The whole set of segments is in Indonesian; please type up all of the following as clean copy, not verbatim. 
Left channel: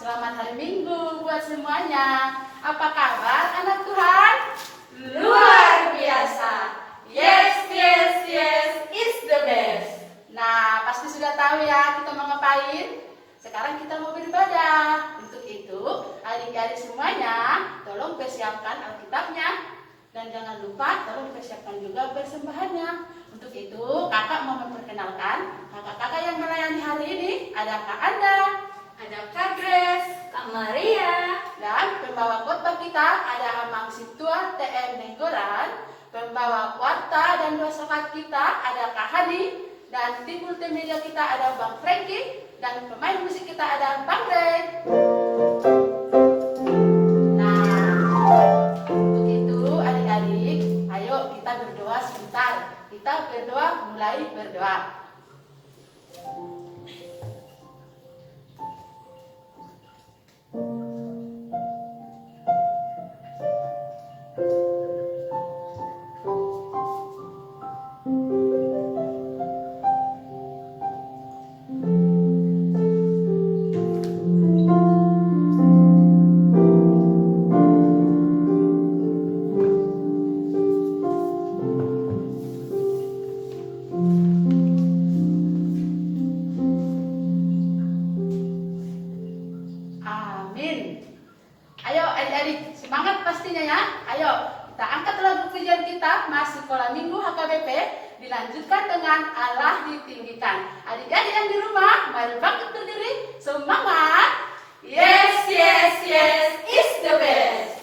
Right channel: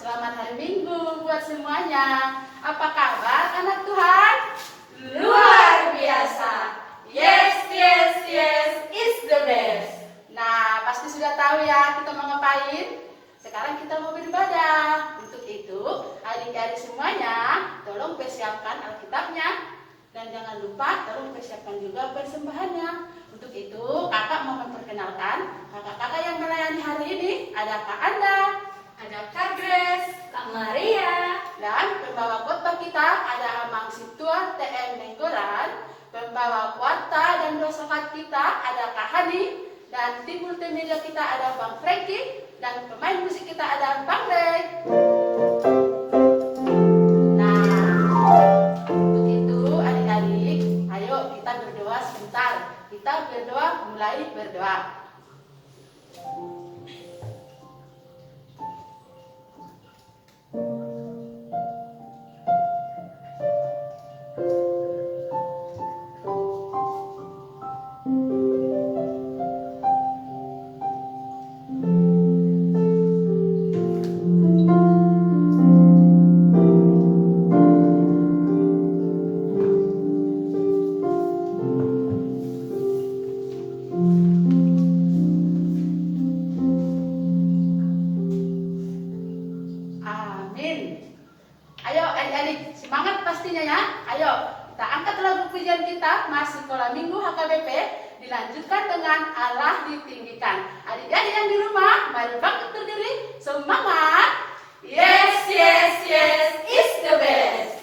Selamat hari Minggu buat semuanya. Apa kabar anak Tuhan? Luar biasa. Yes, yes, yes, is the best. Nah, pasti sudah tahu ya kita mau ngapain? Sekarang kita mau beribadah. Untuk itu, adik-adik semuanya, tolong persiapkan Alkitabnya. Dan jangan lupa, tolong persiapkan juga persembahannya. Untuk itu, kakak mau memperkenalkan kakak-kakak yang melayani hari ini. Ada Kak Anda, Ada Kak Grace, Kak Maria, dan pembawa khotbah kita ada Amang Situa TM Nenggolan. Pembawa warta dan filsafat kita ada Kak Hani. Dan tim multimedia kita ada Bang Franky. Dan pemain musik kita ada Bang Ray. Nah, untuk itu adik-adik, ayo kita berdoa sebentar. Kita berdoa, mulai berdoa. Amin. Ayo adik-adik, semangat pastinya ya. Ayo, kita angkat lagu pujian kita, Masih Sekolah Minggu HKBP, dilanjutkan dengan Allah ditinggikan. Adik-adik yang di rumah, mari bangkit berdiri, semangat. yes, yes, yes, is the best.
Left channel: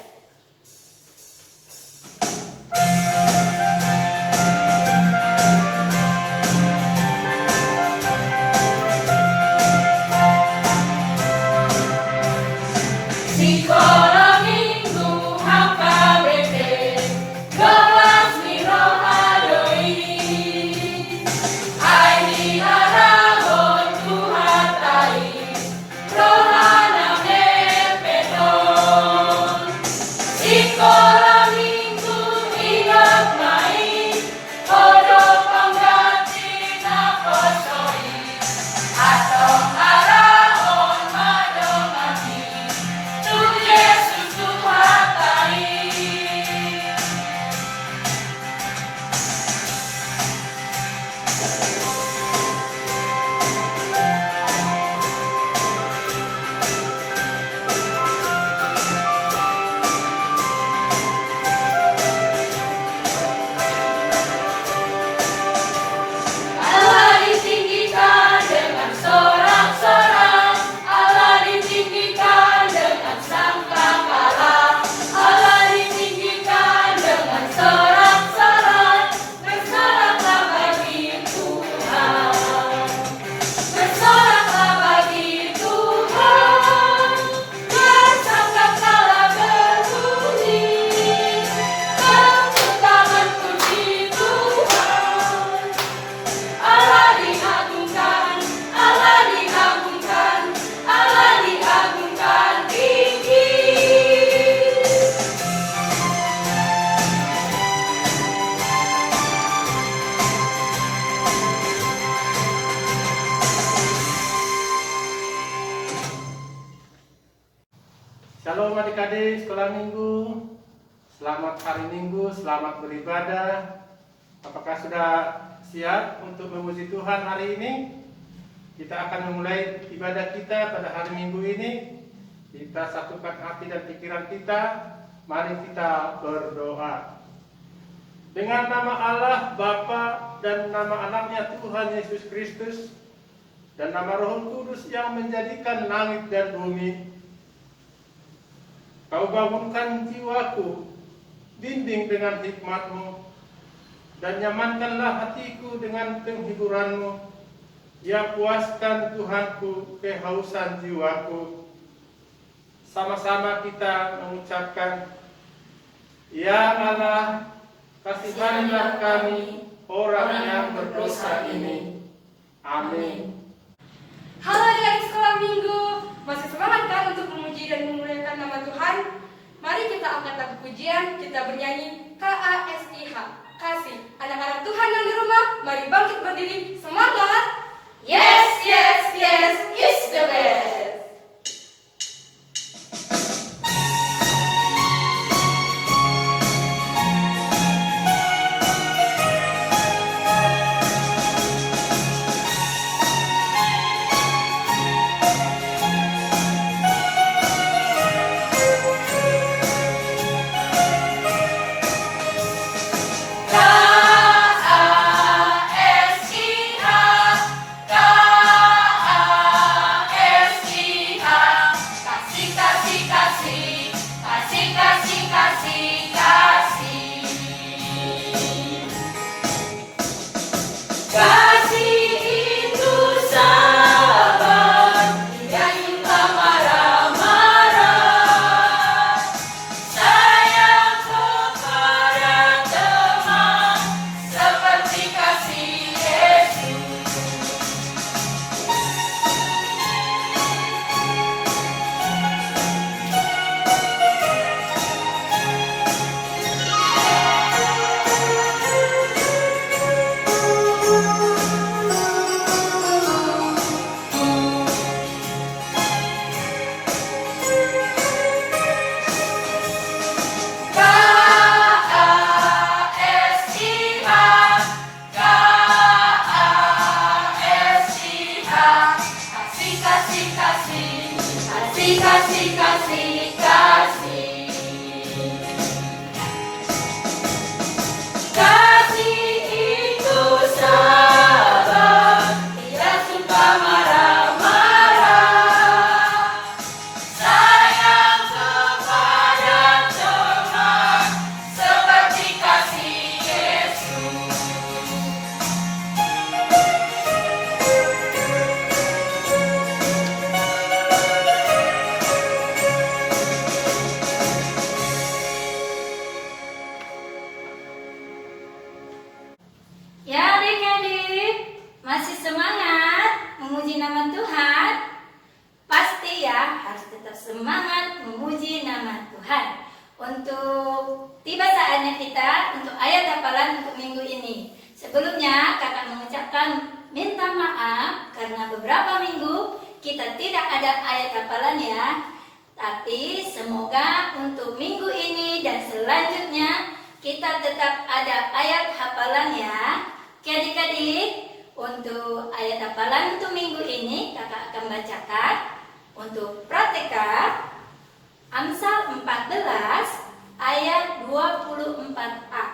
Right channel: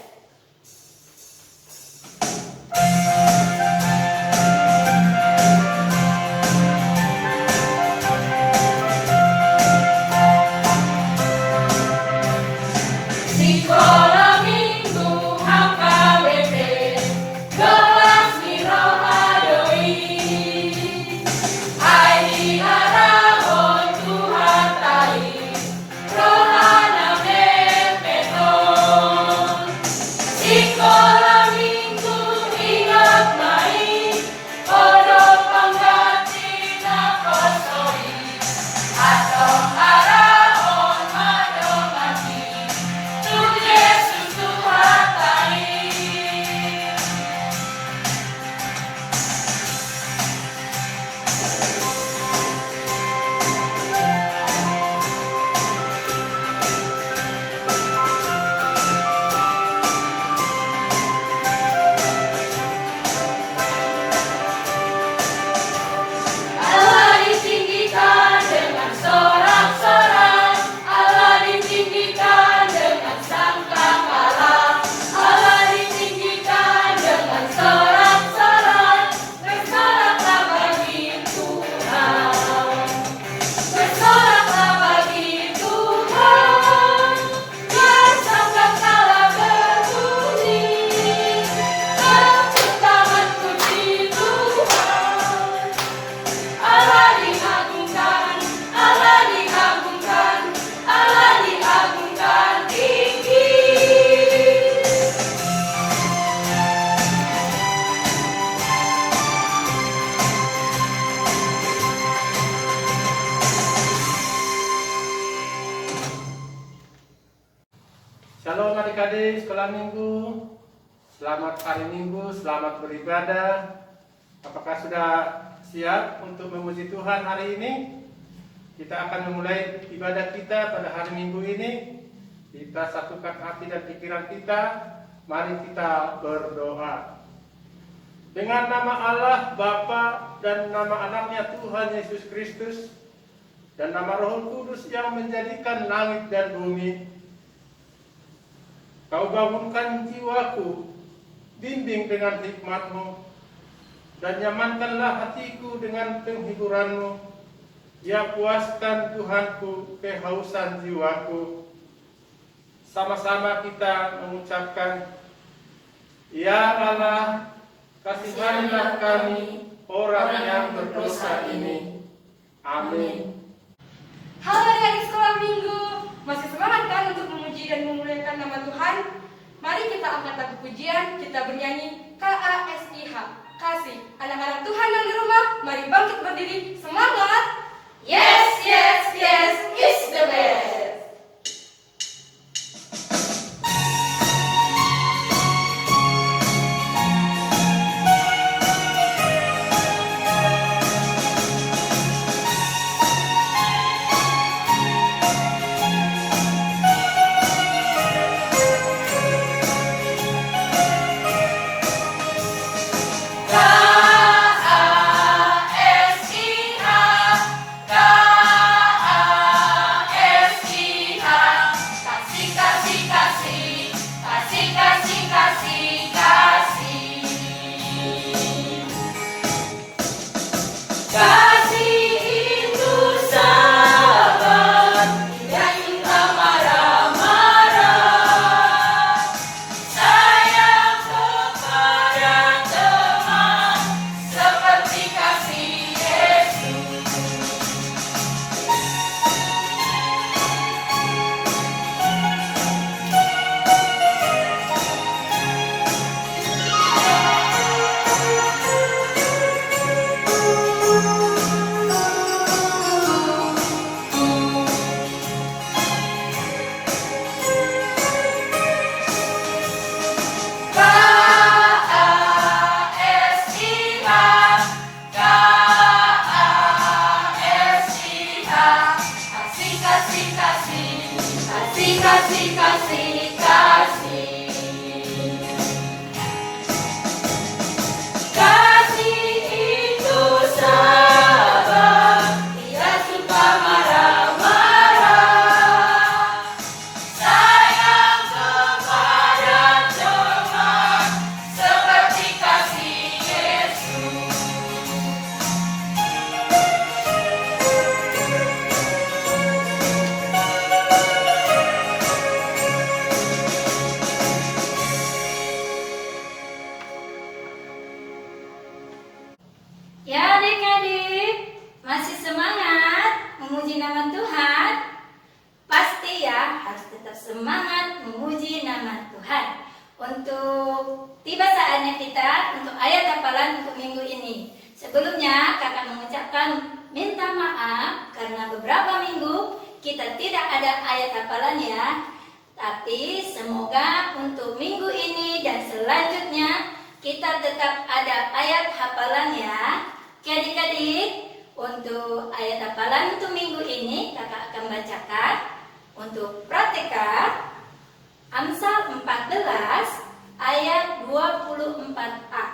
Sekolah Minggu HKBP, kelas Mirohadoi. Aini arahon Tuhan tai, rohana mepeton. Sekolah Minggu ingat mai, odok pengganti napasoi. Atong arahon madongati, Yesus Tuhan tai. Allah ditinggikan dengan sorak-sorak, Allah ditinggikan dengan sangkakala, Allah ditinggikan dengan sorak-sorak, bersoraklah bagi Tuhan, bersoraklah bagi Tuhan, biar sangkakala berbunyi, tepuk puji Tuhan. Allah diagungkan, Allah diagungkan, Allah diagungkan tinggi. Shalom adik-adik sekolah minggu. Selamat hari Minggu, selamat beribadah. Apakah sudah siap untuk memuji Tuhan hari ini? Kita akan memulai ibadah kita pada hari Minggu ini. Kita satukan hati dan pikiran kita. Mari kita berdoa. Dengan nama Allah Bapa dan nama anaknya Tuhan Yesus Kristus dan nama Roh Kudus yang menjadikan langit dan bumi, Kau bangunkan jiwaku, bimbing dengan hikmat-Mu, dan nyamankanlah hatiku dengan penghiburan-Mu. Ya, puaskan Tuhanku kehausan jiwaku. Sama-sama kita mengucapkan, Ya Allah, kasihanilah kami, orang yang berdosa ini. Amin. Halo adik sekolah minggu, masih semangat kan untuk memuji dan memuliakan nama Tuhan? Mari kita angkat lagu pujian, kita bernyanyi KASIH, kasih. Anak-anak Tuhan yang di rumah, mari bangkit berdiri, semangat! Yes, yes, yes, is the best. kasih, kasih, kasih, kasih, kasih, kasih. Kasih itu sabar, tidak suka marah-marah. Sayang kepada teman, seperti kasih Yesus. Ya adik-adik, masih semangat memuji nama Tuhan? Pasti ya, harus tetap semangat memuji nama Tuhan. Untuk tiba saatnya kita untuk ayat hafalan untuk minggu ini. Sebelumnya kakak mengucapkan minta maaf karena beberapa minggu kita tidak ada ayat hafalan ya. Tapi semoga untuk minggu ini dan selanjutnya kita tetap ada ayat hafalan ya. Oke adik-adik, untuk ayat hafalan untuk minggu ini kakak akan bacakan. Untuk Prateka Amsal 14 ayat 24a.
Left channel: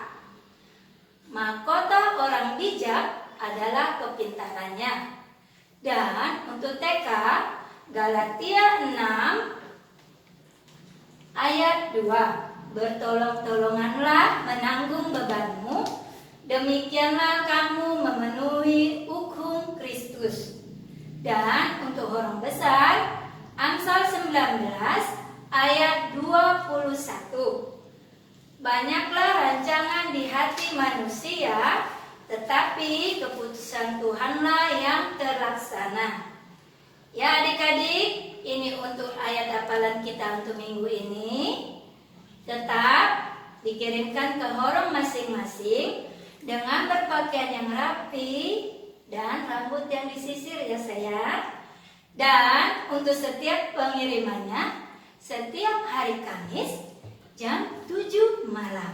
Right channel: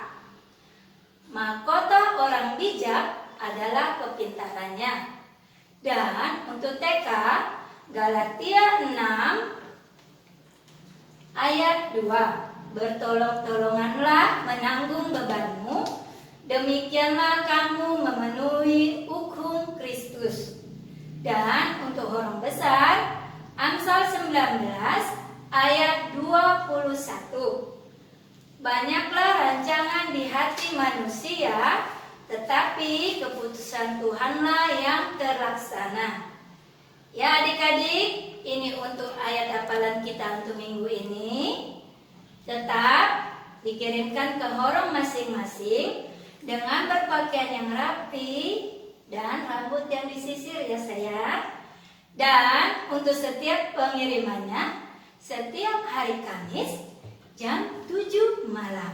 Mahkota orang bijak adalah kepintarannya. Dan untuk TK Galatia 6 ayat 2. Bertolong-tolonganlah menanggung bebanmu, demikianlah kamu memenuhi hukum Kristus. Dan untuk orang besar, Amsal 19 ayat 21. Banyaklah rancangan di hati manusia, tetapi keputusan Tuhanlah yang terlaksana. Ya adik-adik, ini untuk ayat hafalan kita untuk minggu ini. Tetap dikirimkan ke horong masing-masing dengan berpakaian yang rapi dan rambut yang disisir ya sayang. Dan untuk setiap pengirimannya setiap hari Kamis jam 7 malam.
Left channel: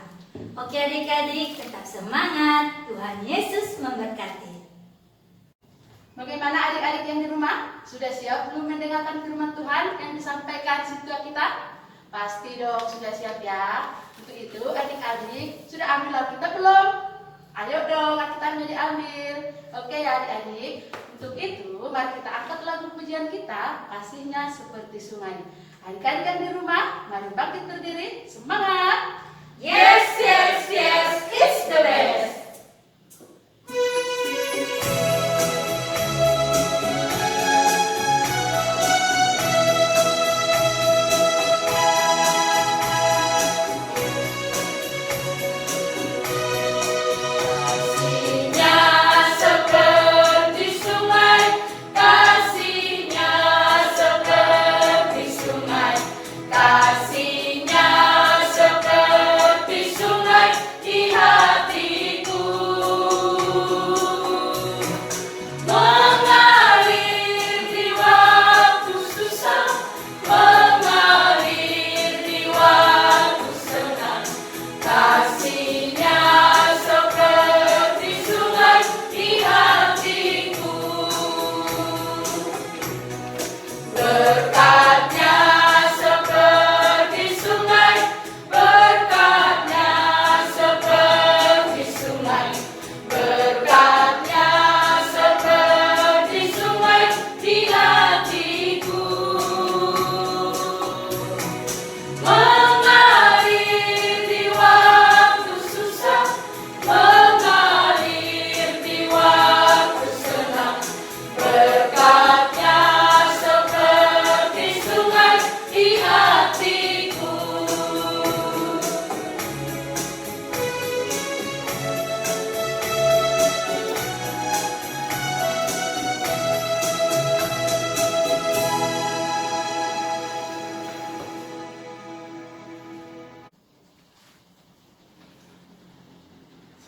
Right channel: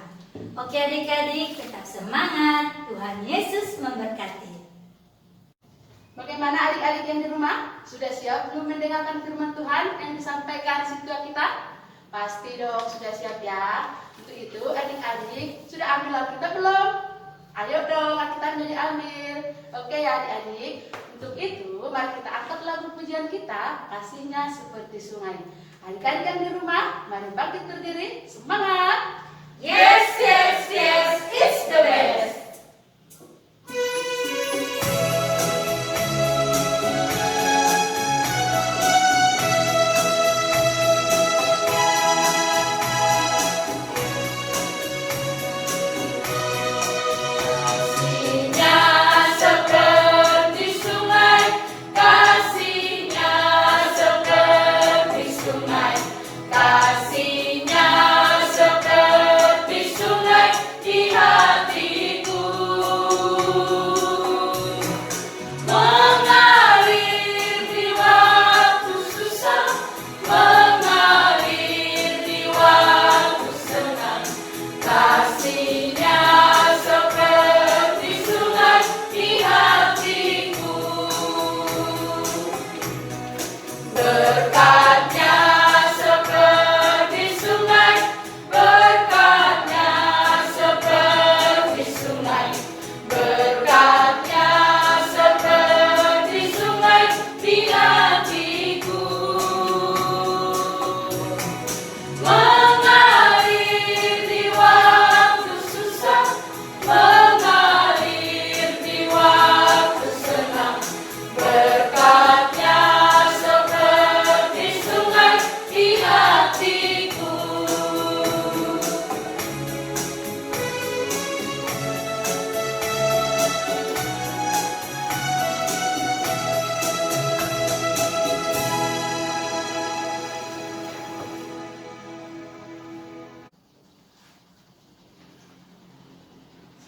Oke adik-adik, tetap semangat. Tuhan Yesus memberkati. Bagaimana adik-adik yang di rumah? Sudah siap belum mendengarkan firman Tuhan yang disampaikan siswa kita? Pasti dong sudah siap ya. Untuk itu adik-adik sudah ambil Alkitab belum? Ayo dong Alkitabnya diambil. Oke ya adik-adik. Untuk itu mari kita angkat lagu pujian kita, kasihnya seperti sungai. Adik-adik yang di rumah, mari bangkit berdiri, semangat. Yes, yes, yes, it's the best.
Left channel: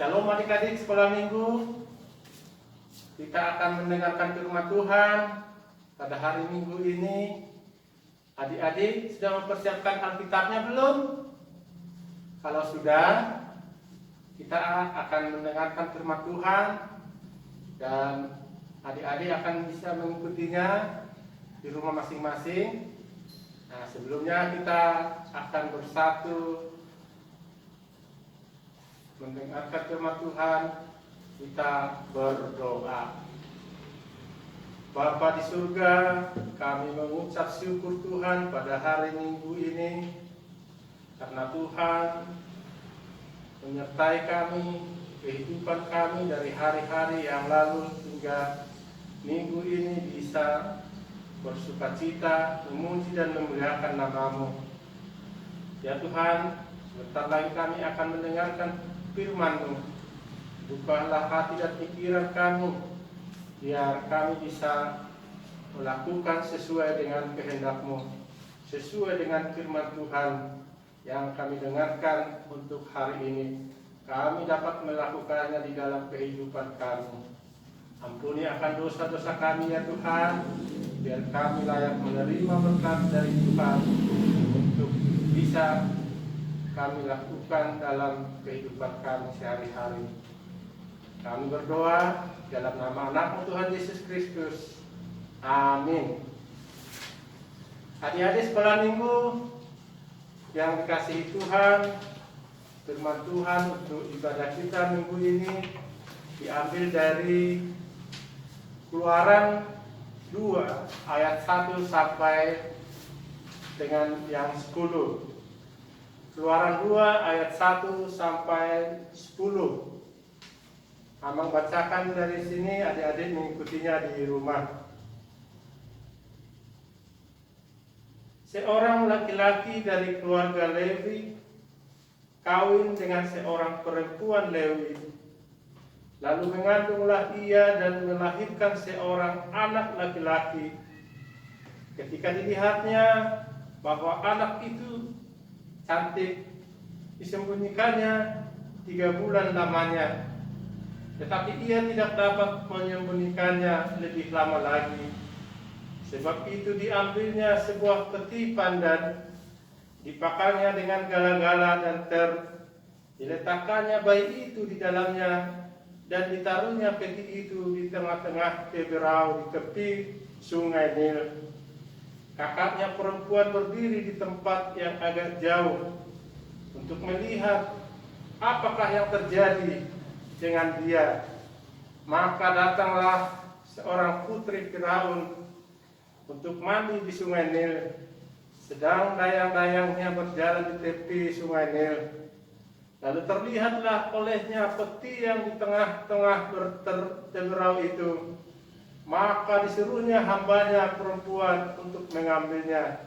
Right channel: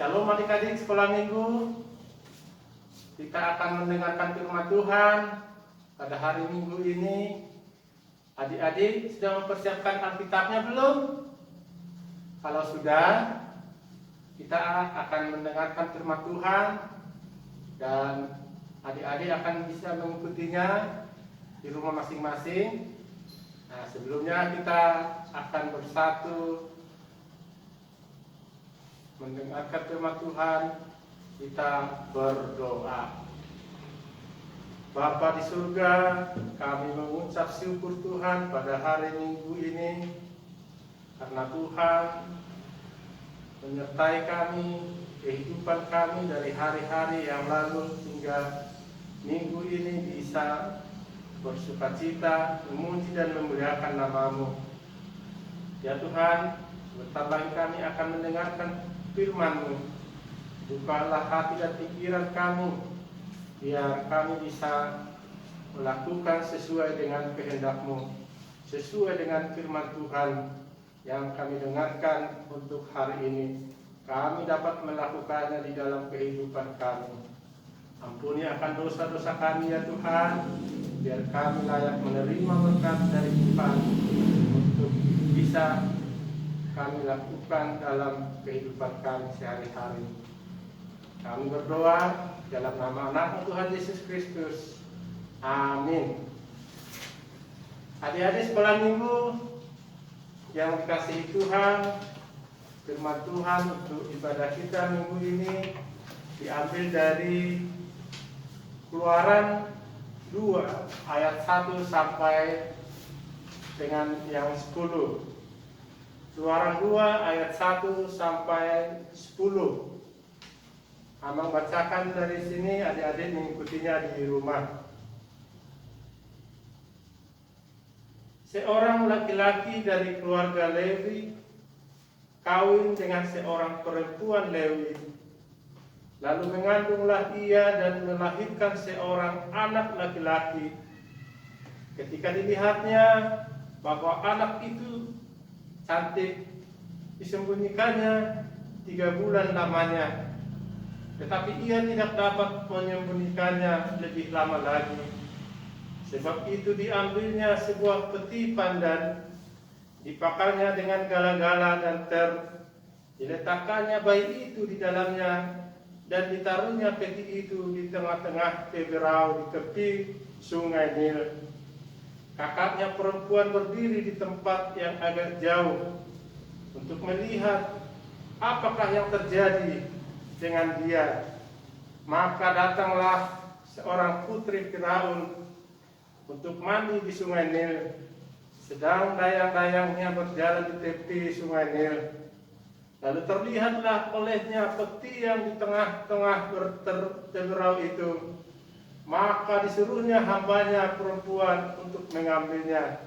Shalom adik-adik sekolah minggu. Kita akan mendengarkan firman Tuhan pada hari Minggu ini. Adik-adik sudah mempersiapkan Alkitabnya belum? Kalau sudah, kita akan mendengarkan firman Tuhan dan adik-adik akan bisa mengikutinya di rumah masing-masing. Nah, sebelumnya kita akan bersatu mendengarkan firman Tuhan. Kita berdoa. Bapa di surga, kami mengucap syukur Tuhan pada hari Minggu ini, karena Tuhan menyertai kami, kehidupan kami dari hari-hari yang lalu hingga minggu ini bisa bersukacita, memuji dan memuliakan nama-Mu. Ya Tuhan, sebentar lagi kami akan mendengarkan firman-Mu. Bukalah hati dan pikiran kami, biar kami bisa melakukan sesuai dengan kehendak-Mu, sesuai dengan firman Tuhan yang kami dengarkan untuk hari ini. Kami dapat melakukannya di dalam kehidupan kami. Ampuni akan dosa-dosa kami ya Tuhan, biar kami layak menerima berkat dari Tuhan untuk bisa kami lakukan dalam kehidupan kami sehari-hari. Kami berdoa dalam nama anak Tuhan Yesus Kristus. Amin. Adik-adik sekolah minggu yang dikasihi Tuhan, firman Tuhan untuk ibadah kita minggu ini diambil dari Keluaran 2 ayat 1 sampai dengan yang 10. Keluaran 2 ayat 1 sampai 10. Amang bacakan dari sini, adik-adik mengikutinya di rumah. Seorang laki-laki dari keluarga Lewi kawin dengan seorang perempuan Lewi. Lalu mengandunglah ia dan melahirkan seorang anak laki-laki. Ketika dilihatnya bahwa anak itu cantik, disembunyikannya 3 bulan lamanya. Tetapi ia tidak dapat menyembunyikannya lebih lama lagi. Sebab itu diambilnya sebuah peti pandan, dipakarnya dengan gala-gala dan diletakkannya bayi itu di dalamnya, dan ditaruhnya peti itu di tengah-tengah teberau di tepi sungai Nil. Kakaknya perempuan berdiri di tempat yang agak jauh untuk melihat apakah yang terjadi dengan dia. Maka datanglah seorang putri Firaun untuk mandi di sungai Nil, sedang dayang-dayangnya berjalan di tepi sungai Nil. Lalu terlihatlah olehnya peti yang di tengah-tengah teberau itu. Maka disuruhnya hambanya perempuan untuk mengambilnya.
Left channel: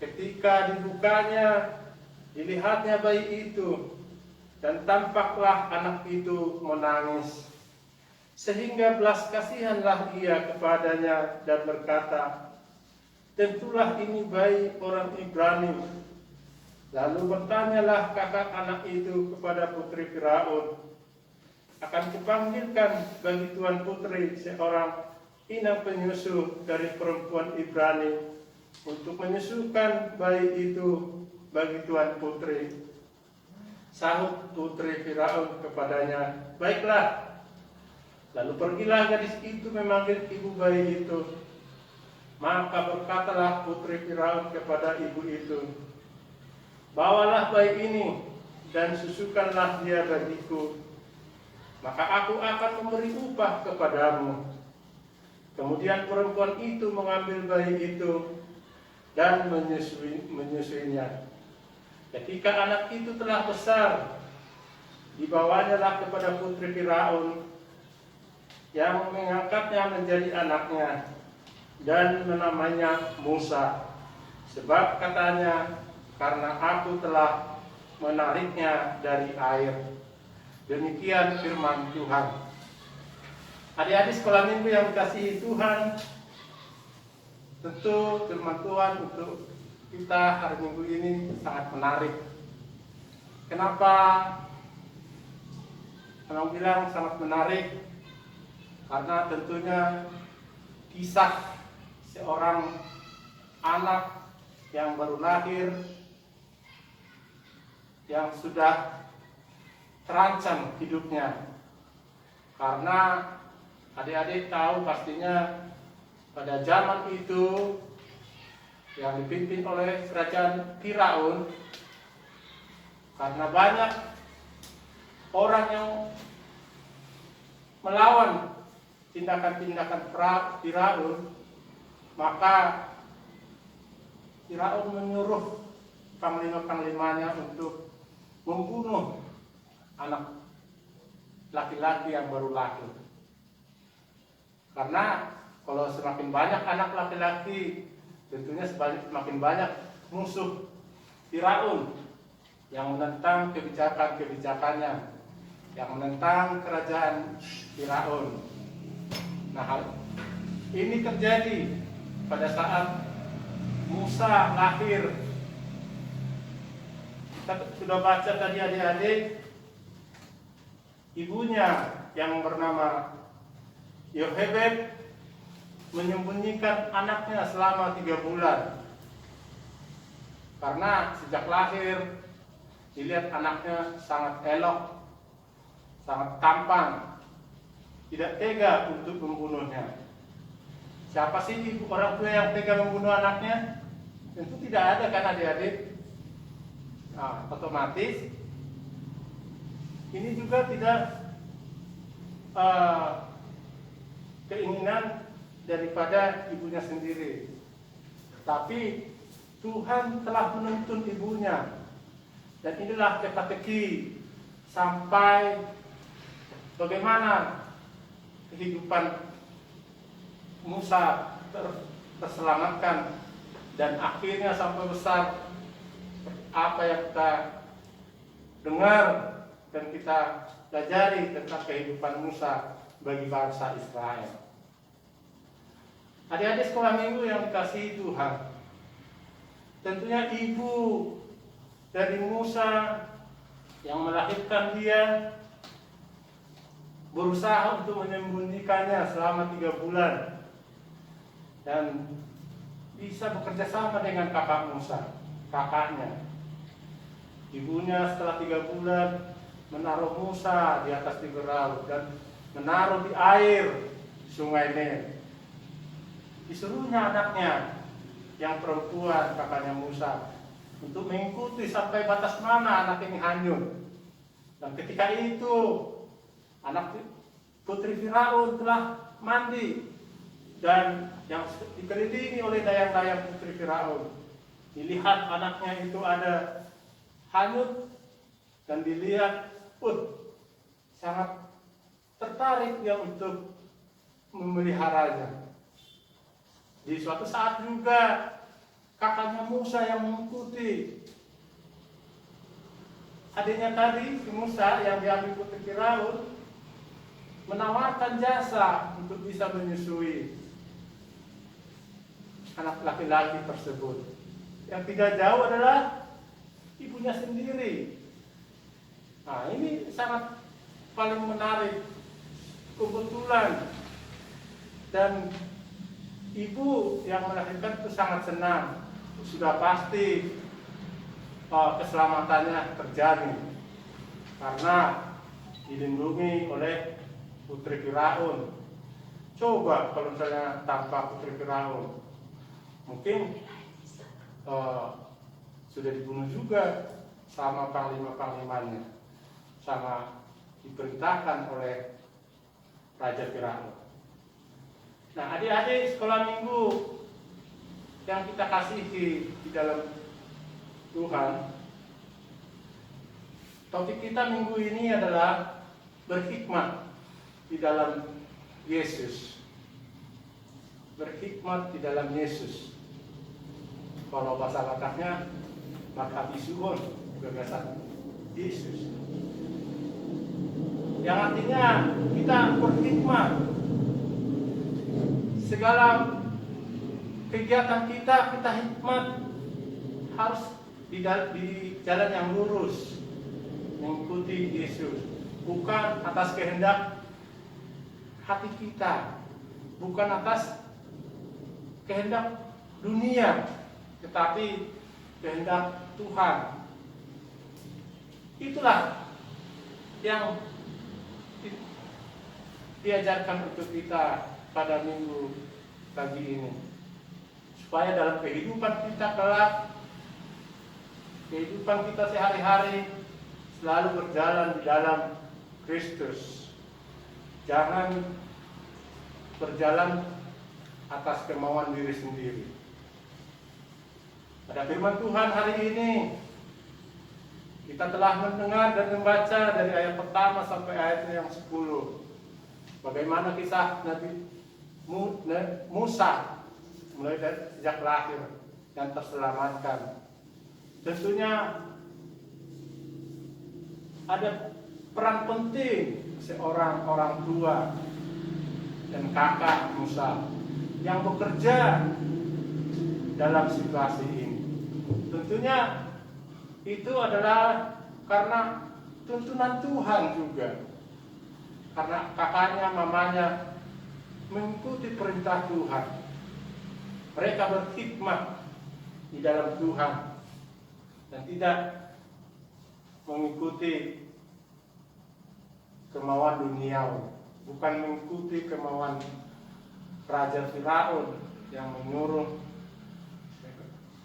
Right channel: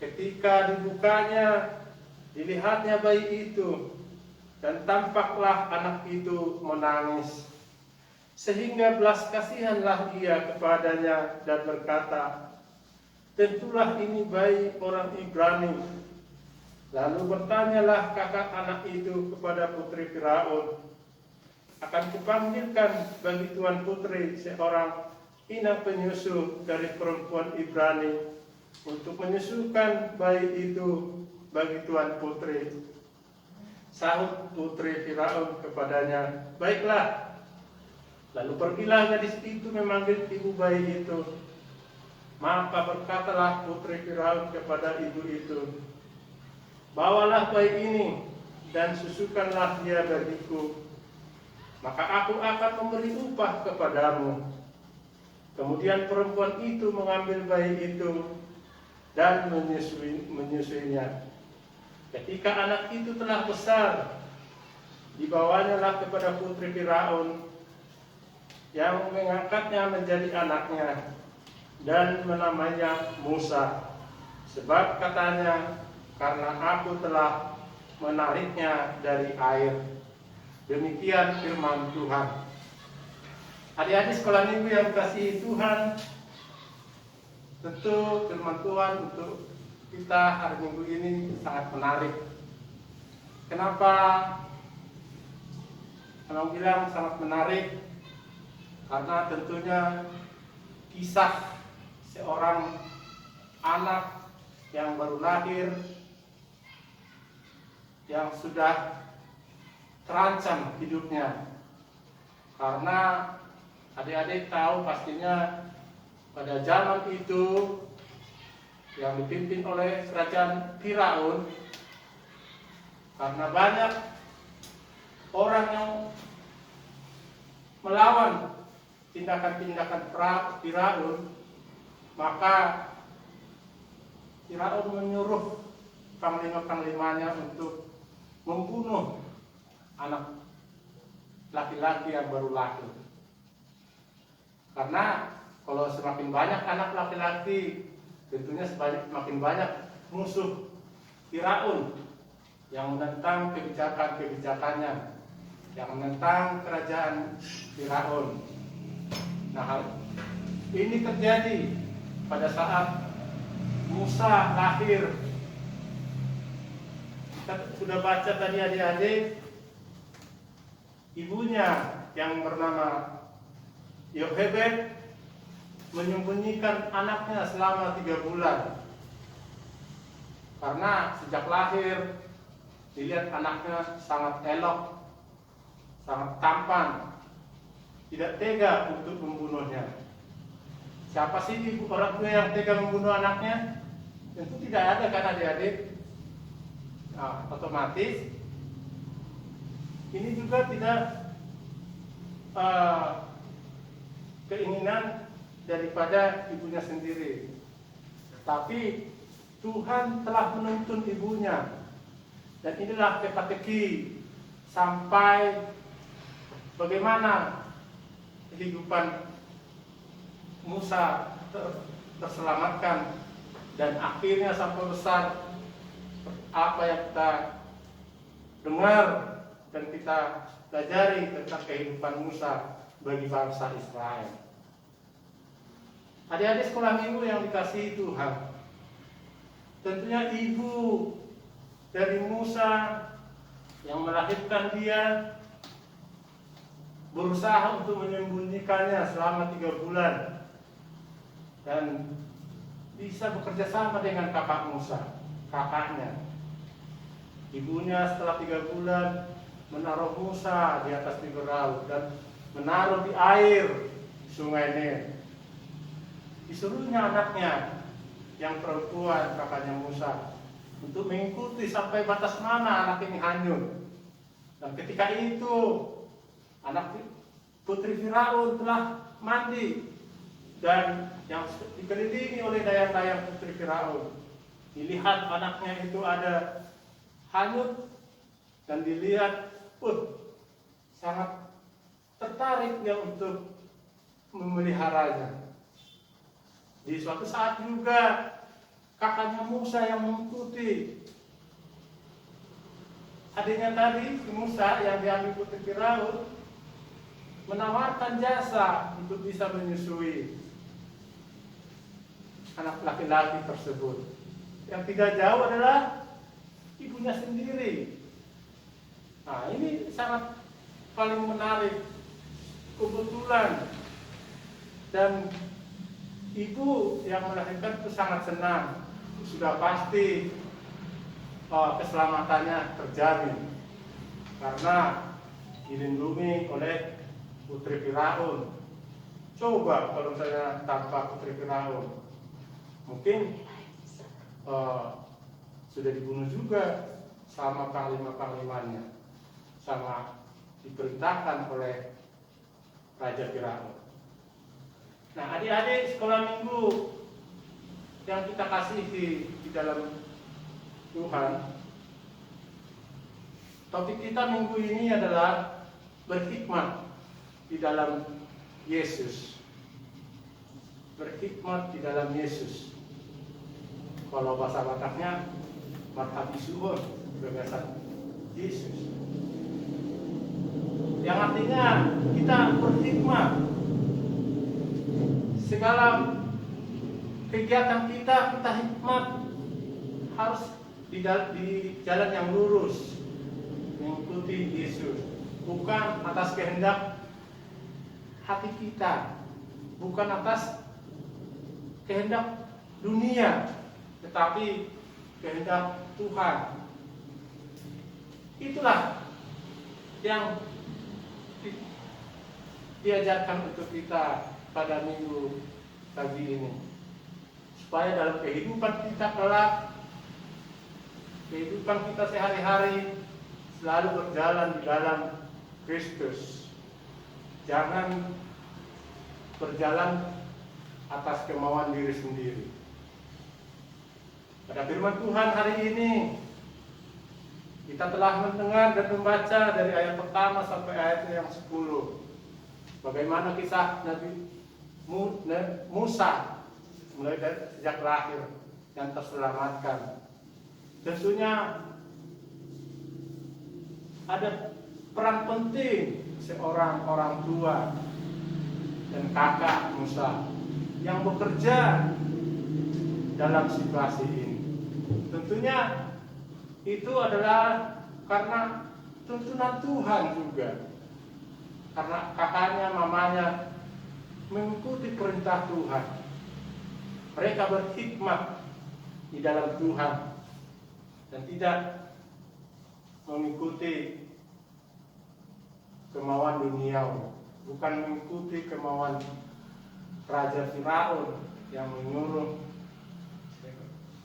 Ketika dibukanya, dilihatnya bayi itu, dan tampaklah anak itu menangis. Sehingga belas kasihanlah ia kepadanya dan berkata, tentulah ini bayi orang Ibrani. Lalu bertanyalah kakak anak itu kepada putri Firaun, akan kupanggilkan bagi tuan putri seorang inang penyusu dari perempuan Ibrani untuk menyusukan bayi itu bagi tuan putri. Sahut putri Firaun kepadanya, baiklah. Lalu pergilah gadis itu memanggil ibu bayi itu. Maka berkatalah putri Firaun kepada ibu itu, bawalah bayi ini dan susukanlah dia bagiku, maka aku akan memberi upah kepadamu. Kemudian perempuan itu mengambil bayi itu dan menyusuinya. Ketika anak itu telah besar, dibawanyalah kepada putri Firaun, yang mengangkatnya menjadi anaknya dan menamainya Musa, sebab katanya, karena aku telah menariknya dari air. Demikian firman Tuhan. Adik-adik sekolah minggu yang dikasihi Tuhan, tentu firman Tuhan untuk kita hari Minggu ini sangat menarik. Kenapa Abang bilang sangat menarik? Karena tentunya kisah seorang anak yang baru lahir, yang sudah terancam hidupnya. Karena adik-adik tahu pastinya pada zaman itu yang dipimpin oleh kerajaan Firaun, karena banyak orang yang melawan tindakan-tindakan Firaun, maka Firaun menyuruh panglima-panglimanya untuk membunuh anak laki-laki yang baru lahir. Karena kalau semakin banyak anak laki-laki, tentunya semakin banyak musuh Firaun yang menentang kebijakan-kebijakannya, yang menentang kerajaan Firaun. Nah, hal ini terjadi pada saat Musa lahir. Kita sudah baca tadi adik-adik, ibunya yang bernama Yochebed menyembunyikan anaknya selama 3 bulan. Karena sejak lahir dilihat anaknya sangat elok, sangat tampan, tidak tega untuk membunuhnya. Siapa sih ibu orang tua yang tega membunuh anaknya? Tentu tidak ada kan adik-adik. Nah, otomatis ini juga tidak keinginan daripada ibunya sendiri, tapi Tuhan telah menuntun ibunya, dan inilah teka-teki sampai bagaimana kehidupan Musa terselamatkan, dan akhirnya sampai besar apa yang kita dengar dan kita pelajari tentang kehidupan Musa bagi bangsa Israel. Adik-adik sekolah minggu yang dikasihi Tuhan, tentunya ibu dari Musa yang melahirkan dia berusaha untuk menyembunyikannya selama 3 bulan dan bisa bekerja sama dengan kakak Musa, kakaknya. Ibunya setelah 3 bulan menaruh Musa di atas bibir laut dan menaruh di air sungai Nil. Disuruhnya anaknya yang perempuan, kakaknya Musa, untuk mengikuti sampai batas mana anak ini hanyut. Dan ketika itu anak putri Firaun telah mandi dan yang dikelilingi oleh dayang-dayang putri Firaun. Dilihat anaknya itu ada hanyut dan dilihat, sangat tertarik dia untuk memeliharanya. Di suatu saat juga kakaknya Musa yang mengikuti adiknya tadi, si Musa yang diambil putri Firaun, menawarkan jasa untuk bisa menyusui anak laki-laki tersebut. Yang tidak jauh adalah ibunya sendiri. Nah, ini sangat paling menarik, kebetulan, dan ibu yang melahirkan itu sangat senang. Sudah pasti keselamatannya terjamin karena dilindungi oleh putri Firaun. Coba kalau misalnya tanpa putri Firaun, mungkin sudah dibunuh juga sama panglima-panglimanya, sama diperintahkan oleh Raja Firaun. Nah, adik-adik sekolah minggu yang kita kasihi di dalam Tuhan, topik kita minggu ini adalah berhikmat di dalam Yesus. Berhikmat di dalam Yesus. Kalau bahasa Bataknya, marhabisuhun, kebebasan Yesus. Yang artinya kita berhikmat. Segala kegiatan kita hikmat, harus di jalan yang lurus, mengikuti Yesus, bukan atas kehendak hati kita, bukan atas kehendak dunia, tetapi kehendak Tuhan. Itulah yang diajarkan untuk kita pada minggu pagi ini, supaya dalam kehidupan kita kelak, kehidupan kita sehari-hari selalu berjalan di dalam Kristus. Jangan berjalan atas kemauan diri sendiri. Pada firman Tuhan hari ini, kita telah mendengar dan membaca dari ayat pertama sampai ayat yang 10. Bagaimana kisah Nabi Musa mulai dari sejak lahir yang terselamatkan. Tentunya ada peran penting seorang orang tua dan kakak Musa yang bekerja dalam situasi ini. Tentunya itu adalah karena tuntunan Tuhan juga. Karena kakaknya, mamanya mengikuti perintah Tuhan. Mereka berhikmat di dalam Tuhan dan tidak mengikuti kemauan duniawi, bukan mengikuti kemauan Raja Firaun yang menyuruh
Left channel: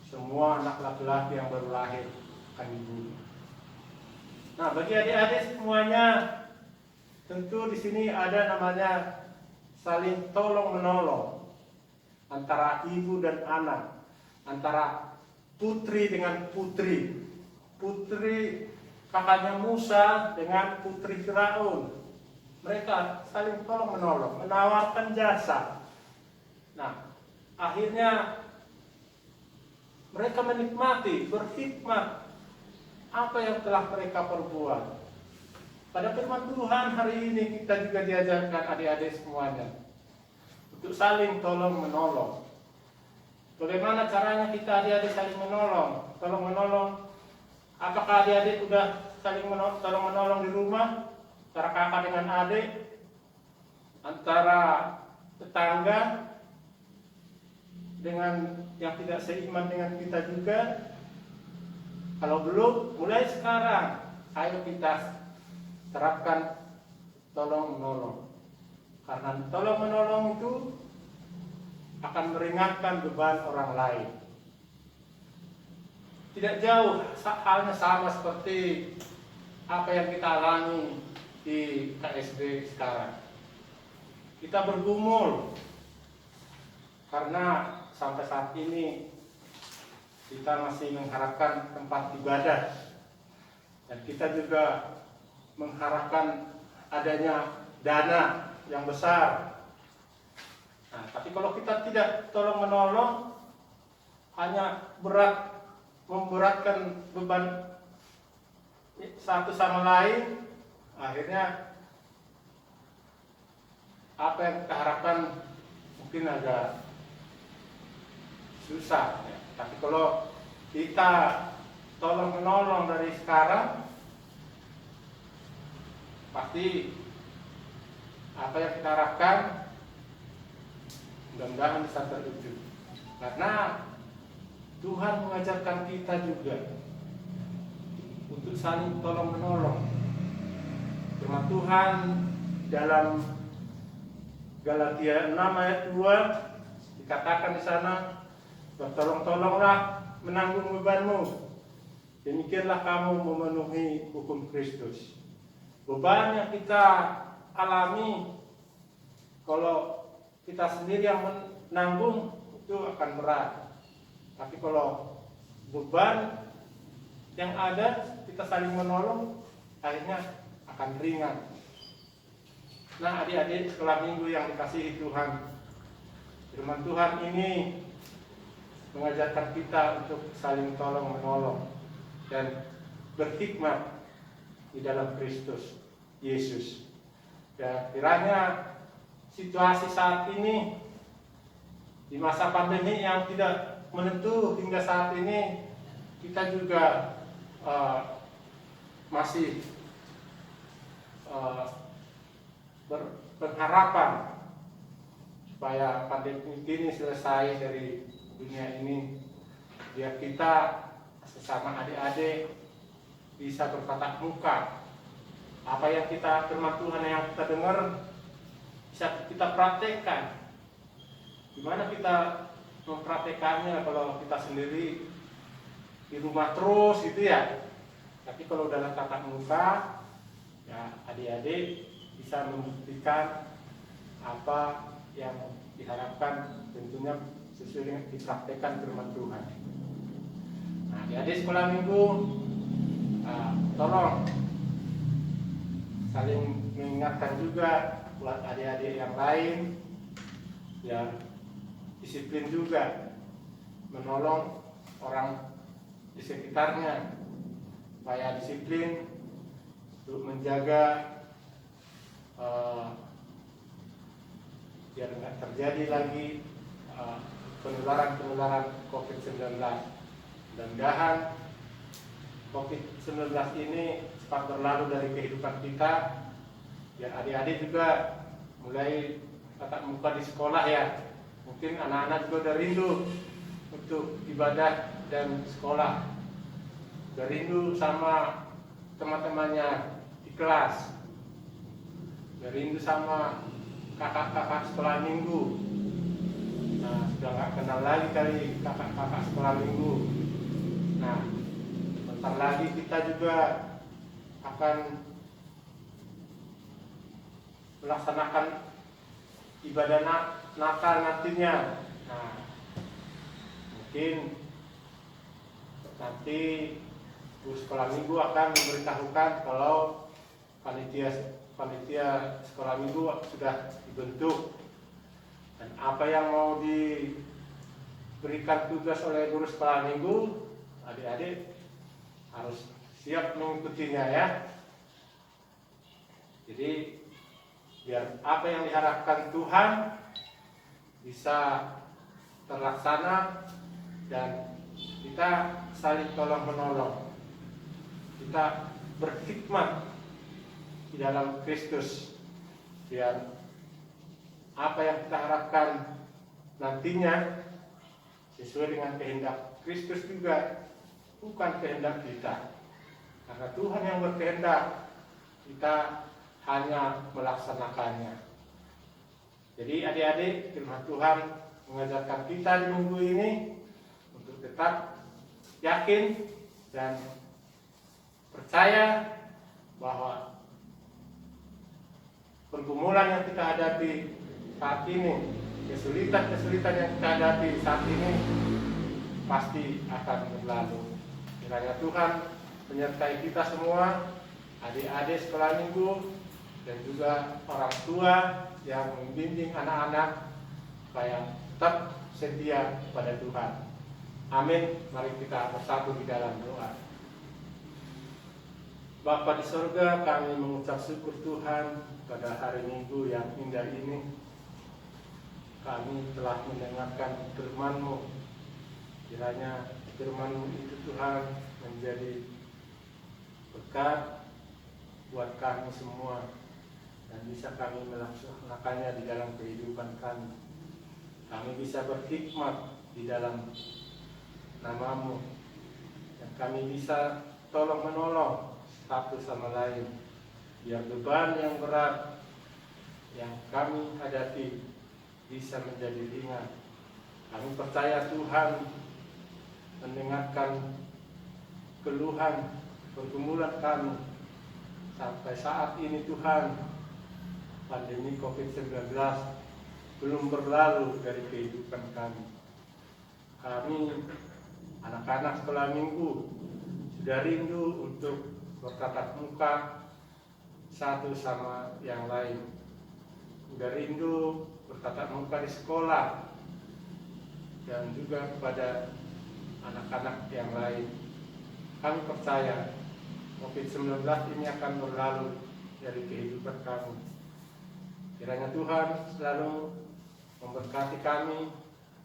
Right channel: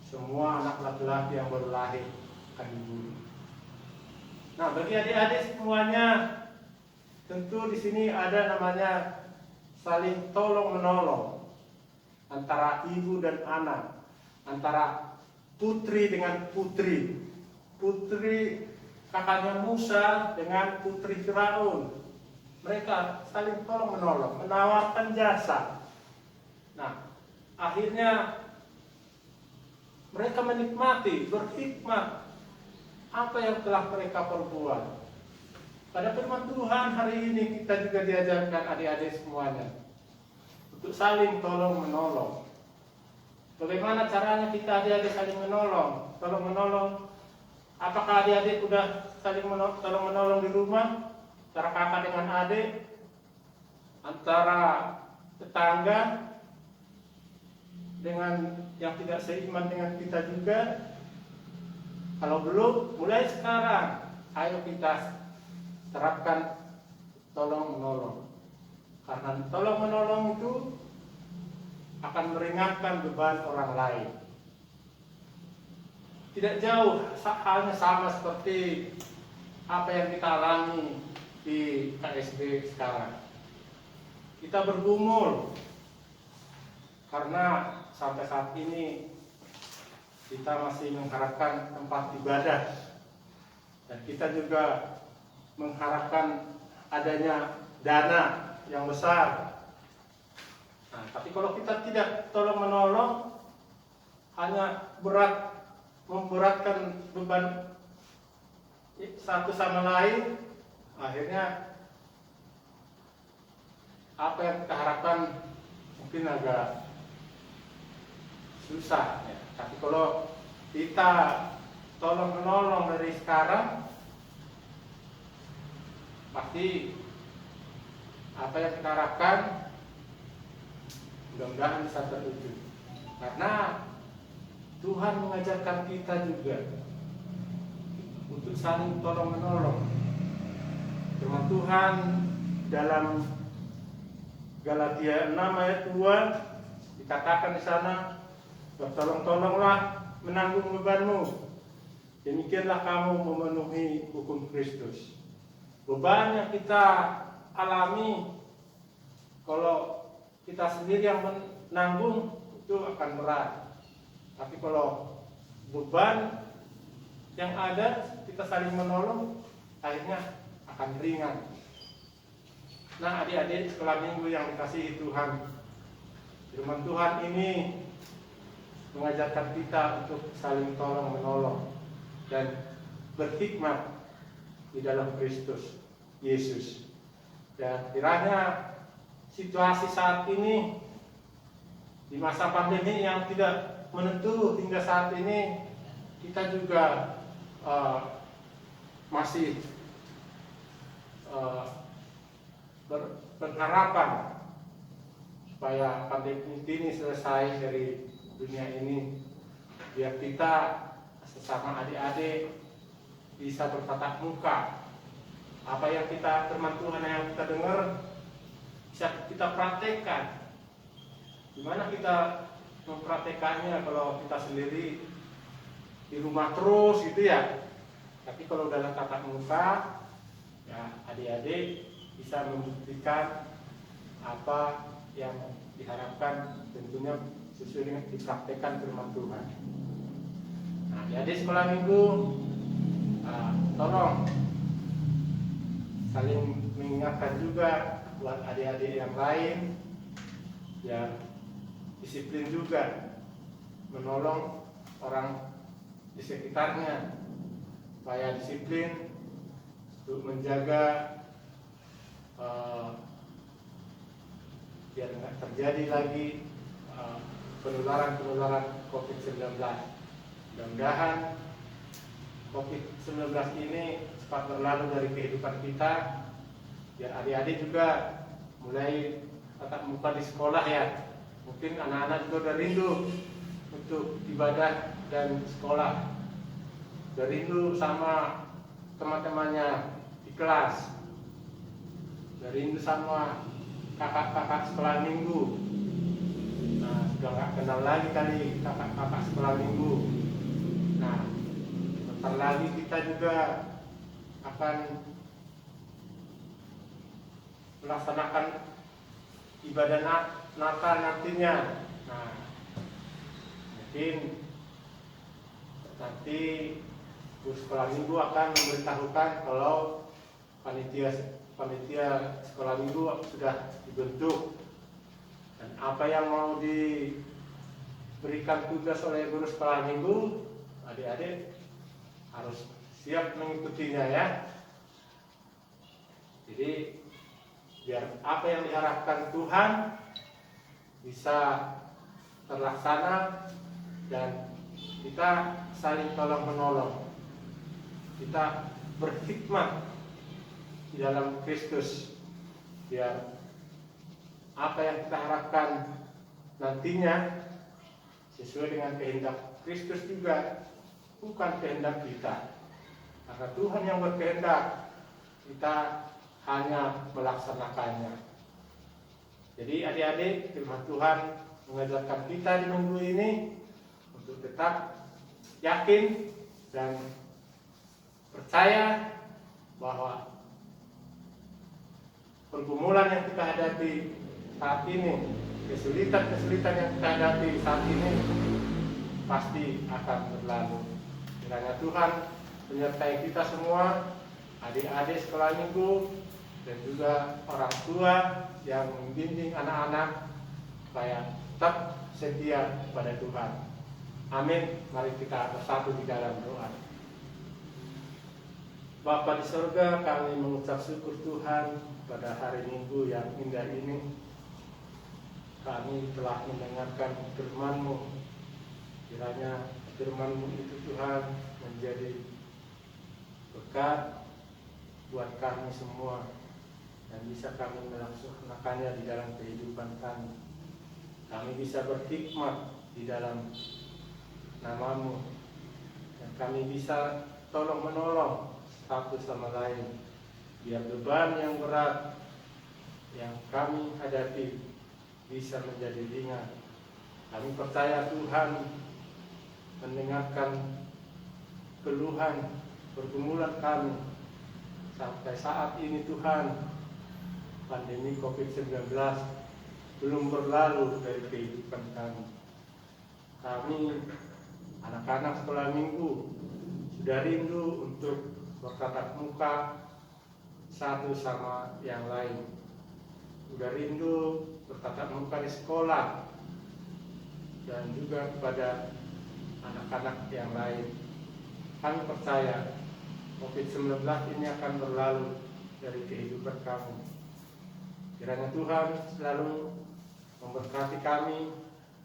semua anak laki-laki yang baru lahir akan dibunuh. Nah, bagi adik-adik semuanya, tentu di sini ada namanya saling tolong menolong antara ibu dan anak, antara putri dengan putri, putri kakaknya Musa dengan putri Firaun. Mereka saling tolong menolong, menawarkan jasa. Nah, akhirnya mereka menikmati, berhikmat apa yang telah mereka perbuat. Pada firman Tuhan hari ini kita juga diajarkan adik-adik semuanya untuk saling tolong menolong. Bagaimana caranya kita adik-adik saling menolong? Tolong menolong. Apakah adik-adik sudah saling tolong menolong di rumah? Antara kakak dengan adik, antara tetangga dengan yang tidak seiman dengan kita juga. Kalau belum, mulai sekarang ayo kita terapkan tolong menolong. Karena tolong menolong itu akan meringankan beban orang lain. Tidak jauh, halnya sama seperti apa yang kita alami di KSB sekarang. Kita bergumul karena sampai saat ini kita masih mengharapkan tempat ibadah, dan kita juga mengharapkan adanya dana yang besar. Nah, tapi kalau kita tidak tolong menolong, hanya memberatkan beban satu sama lain, akhirnya apa yang kita harapkan mungkin agak susah ya. Tapi kalau kita tolong menolong dari sekarang, pasti apa yang kita harapkan mudah-mudahan bisa terwujud. Karena Tuhan mengajarkan kita juga untuk saling tolong menolong. Firman Tuhan dalam Galatia 6 ayat 2 dikatakan di sana, bertolong-tolonglah menanggung bebanmu, demikianlah kamu memenuhi hukum Kristus. Beban yang kita alami, kalau kita sendiri yang menanggung itu akan berat. Tapi kalau beban yang ada, kita saling menolong, akhirnya akan ringan. Nah, adik-adik sekolah minggu yang dikasihi Tuhan, firman Tuhan ini mengajarkan kita untuk saling tolong menolong dan berhikmat di dalam Kristus Yesus. Dan kiranya situasi saat ini, di masa pandemi yang tidak menentu hingga saat ini, kita juga masih berharapan supaya pandemi ini selesai dari dunia ini, biar kita sesama adik-adik bisa bertatap muka. Apa yang kita firman Tuhan yang kita dengar bisa kita praktekkan. Gimana kita mempraktekannya kalau kita sendiri di rumah terus gitu ya. Tapi kalau dalam tatap muka, ya adik-adik bisa membuktikan apa yang diharapkan, tentunya sesuai dengan dipraktekkan firman Tuhan. Nah, adik-adik sekolah minggu, tolong saling mengingatkan juga buat adik-adik yang lain, ya disiplin juga menolong orang di sekitarnya supaya disiplin untuk menjaga biar nggak terjadi lagi penularan COVID-19. Mudah-mudahan COVID-19 ini cepat berlalu dari kehidupan kita, biar adik-adik juga mulai tatap muka di sekolah ya. Mungkin anak-anak juga udah rindu untuk ibadah dan sekolah, udah rindu sama teman-temannya di kelas, udah rindu sama kakak-kakak sekolah minggu. Nah, sudah nggak kenal lagi kali kakak-kakak sekolah minggu. Nah, bentar lagi kita juga akan melaksanakan ibadah Natal nantinya. Nah, mungkin nanti guru sekolah minggu akan memberitahukan kalau panitia sekolah minggu sudah dibentuk, dan apa yang mau diberikan tugas oleh guru sekolah minggu, adik-adik harus siap mengikutinya ya. Jadi biar apa yang diharapkan Tuhan bisa terlaksana, dan kita saling tolong menolong, kita berkhidmat di dalam Kristus, biar apa yang kita harapkan nantinya sesuai dengan kehendak Kristus juga, bukan kehendak kita. Karena Tuhan yang berkehendak, kita hanya melaksanakannya. Jadi adik-adik, firman Tuhan mengajarkan kita di minggu ini untuk tetap yakin dan percaya bahwa pergumulan yang kita hadapi saat ini, kesulitan-kesulitan yang kita hadapi saat ini pasti akan berlalu. Kiranya Tuhan menyertai kita semua, adik-adik sekolah minggu, dan juga orang tua yang membimbing anak-anak supaya tetap setia pada Tuhan. Amin. Mari kita bersatu di dalam doa. Bapa di sorga, kami mengucap syukur Tuhan pada hari Minggu yang indah ini. Kami telah mendengarkan firman-Mu. Kiranya firman-Mu itu Tuhan menjadi berkat buat kami semua, dan bisa kami melaksanakannya di dalam kehidupan kami. Kami bisa berkhidmat di dalam nama-Mu, dan kami bisa tolong-menolong satu sama lain, biar beban yang berat yang kami hadapi bisa menjadi ringan. Kami percaya Tuhan mendengarkan keluhan pergumulan kami sampai saat ini. Tuhan, pandemi COVID-19 belum berlalu dari kehidupan kami. Kami anak-anak sekolah minggu sudah rindu untuk bertatap muka satu sama yang lain. Sudah rindu bertatap muka di sekolah dan juga kepada anak-anak yang lain. Kami percaya COVID-19 ini akan berlalu dari kehidupan kami. Kiranya Tuhan selalu memberkati kami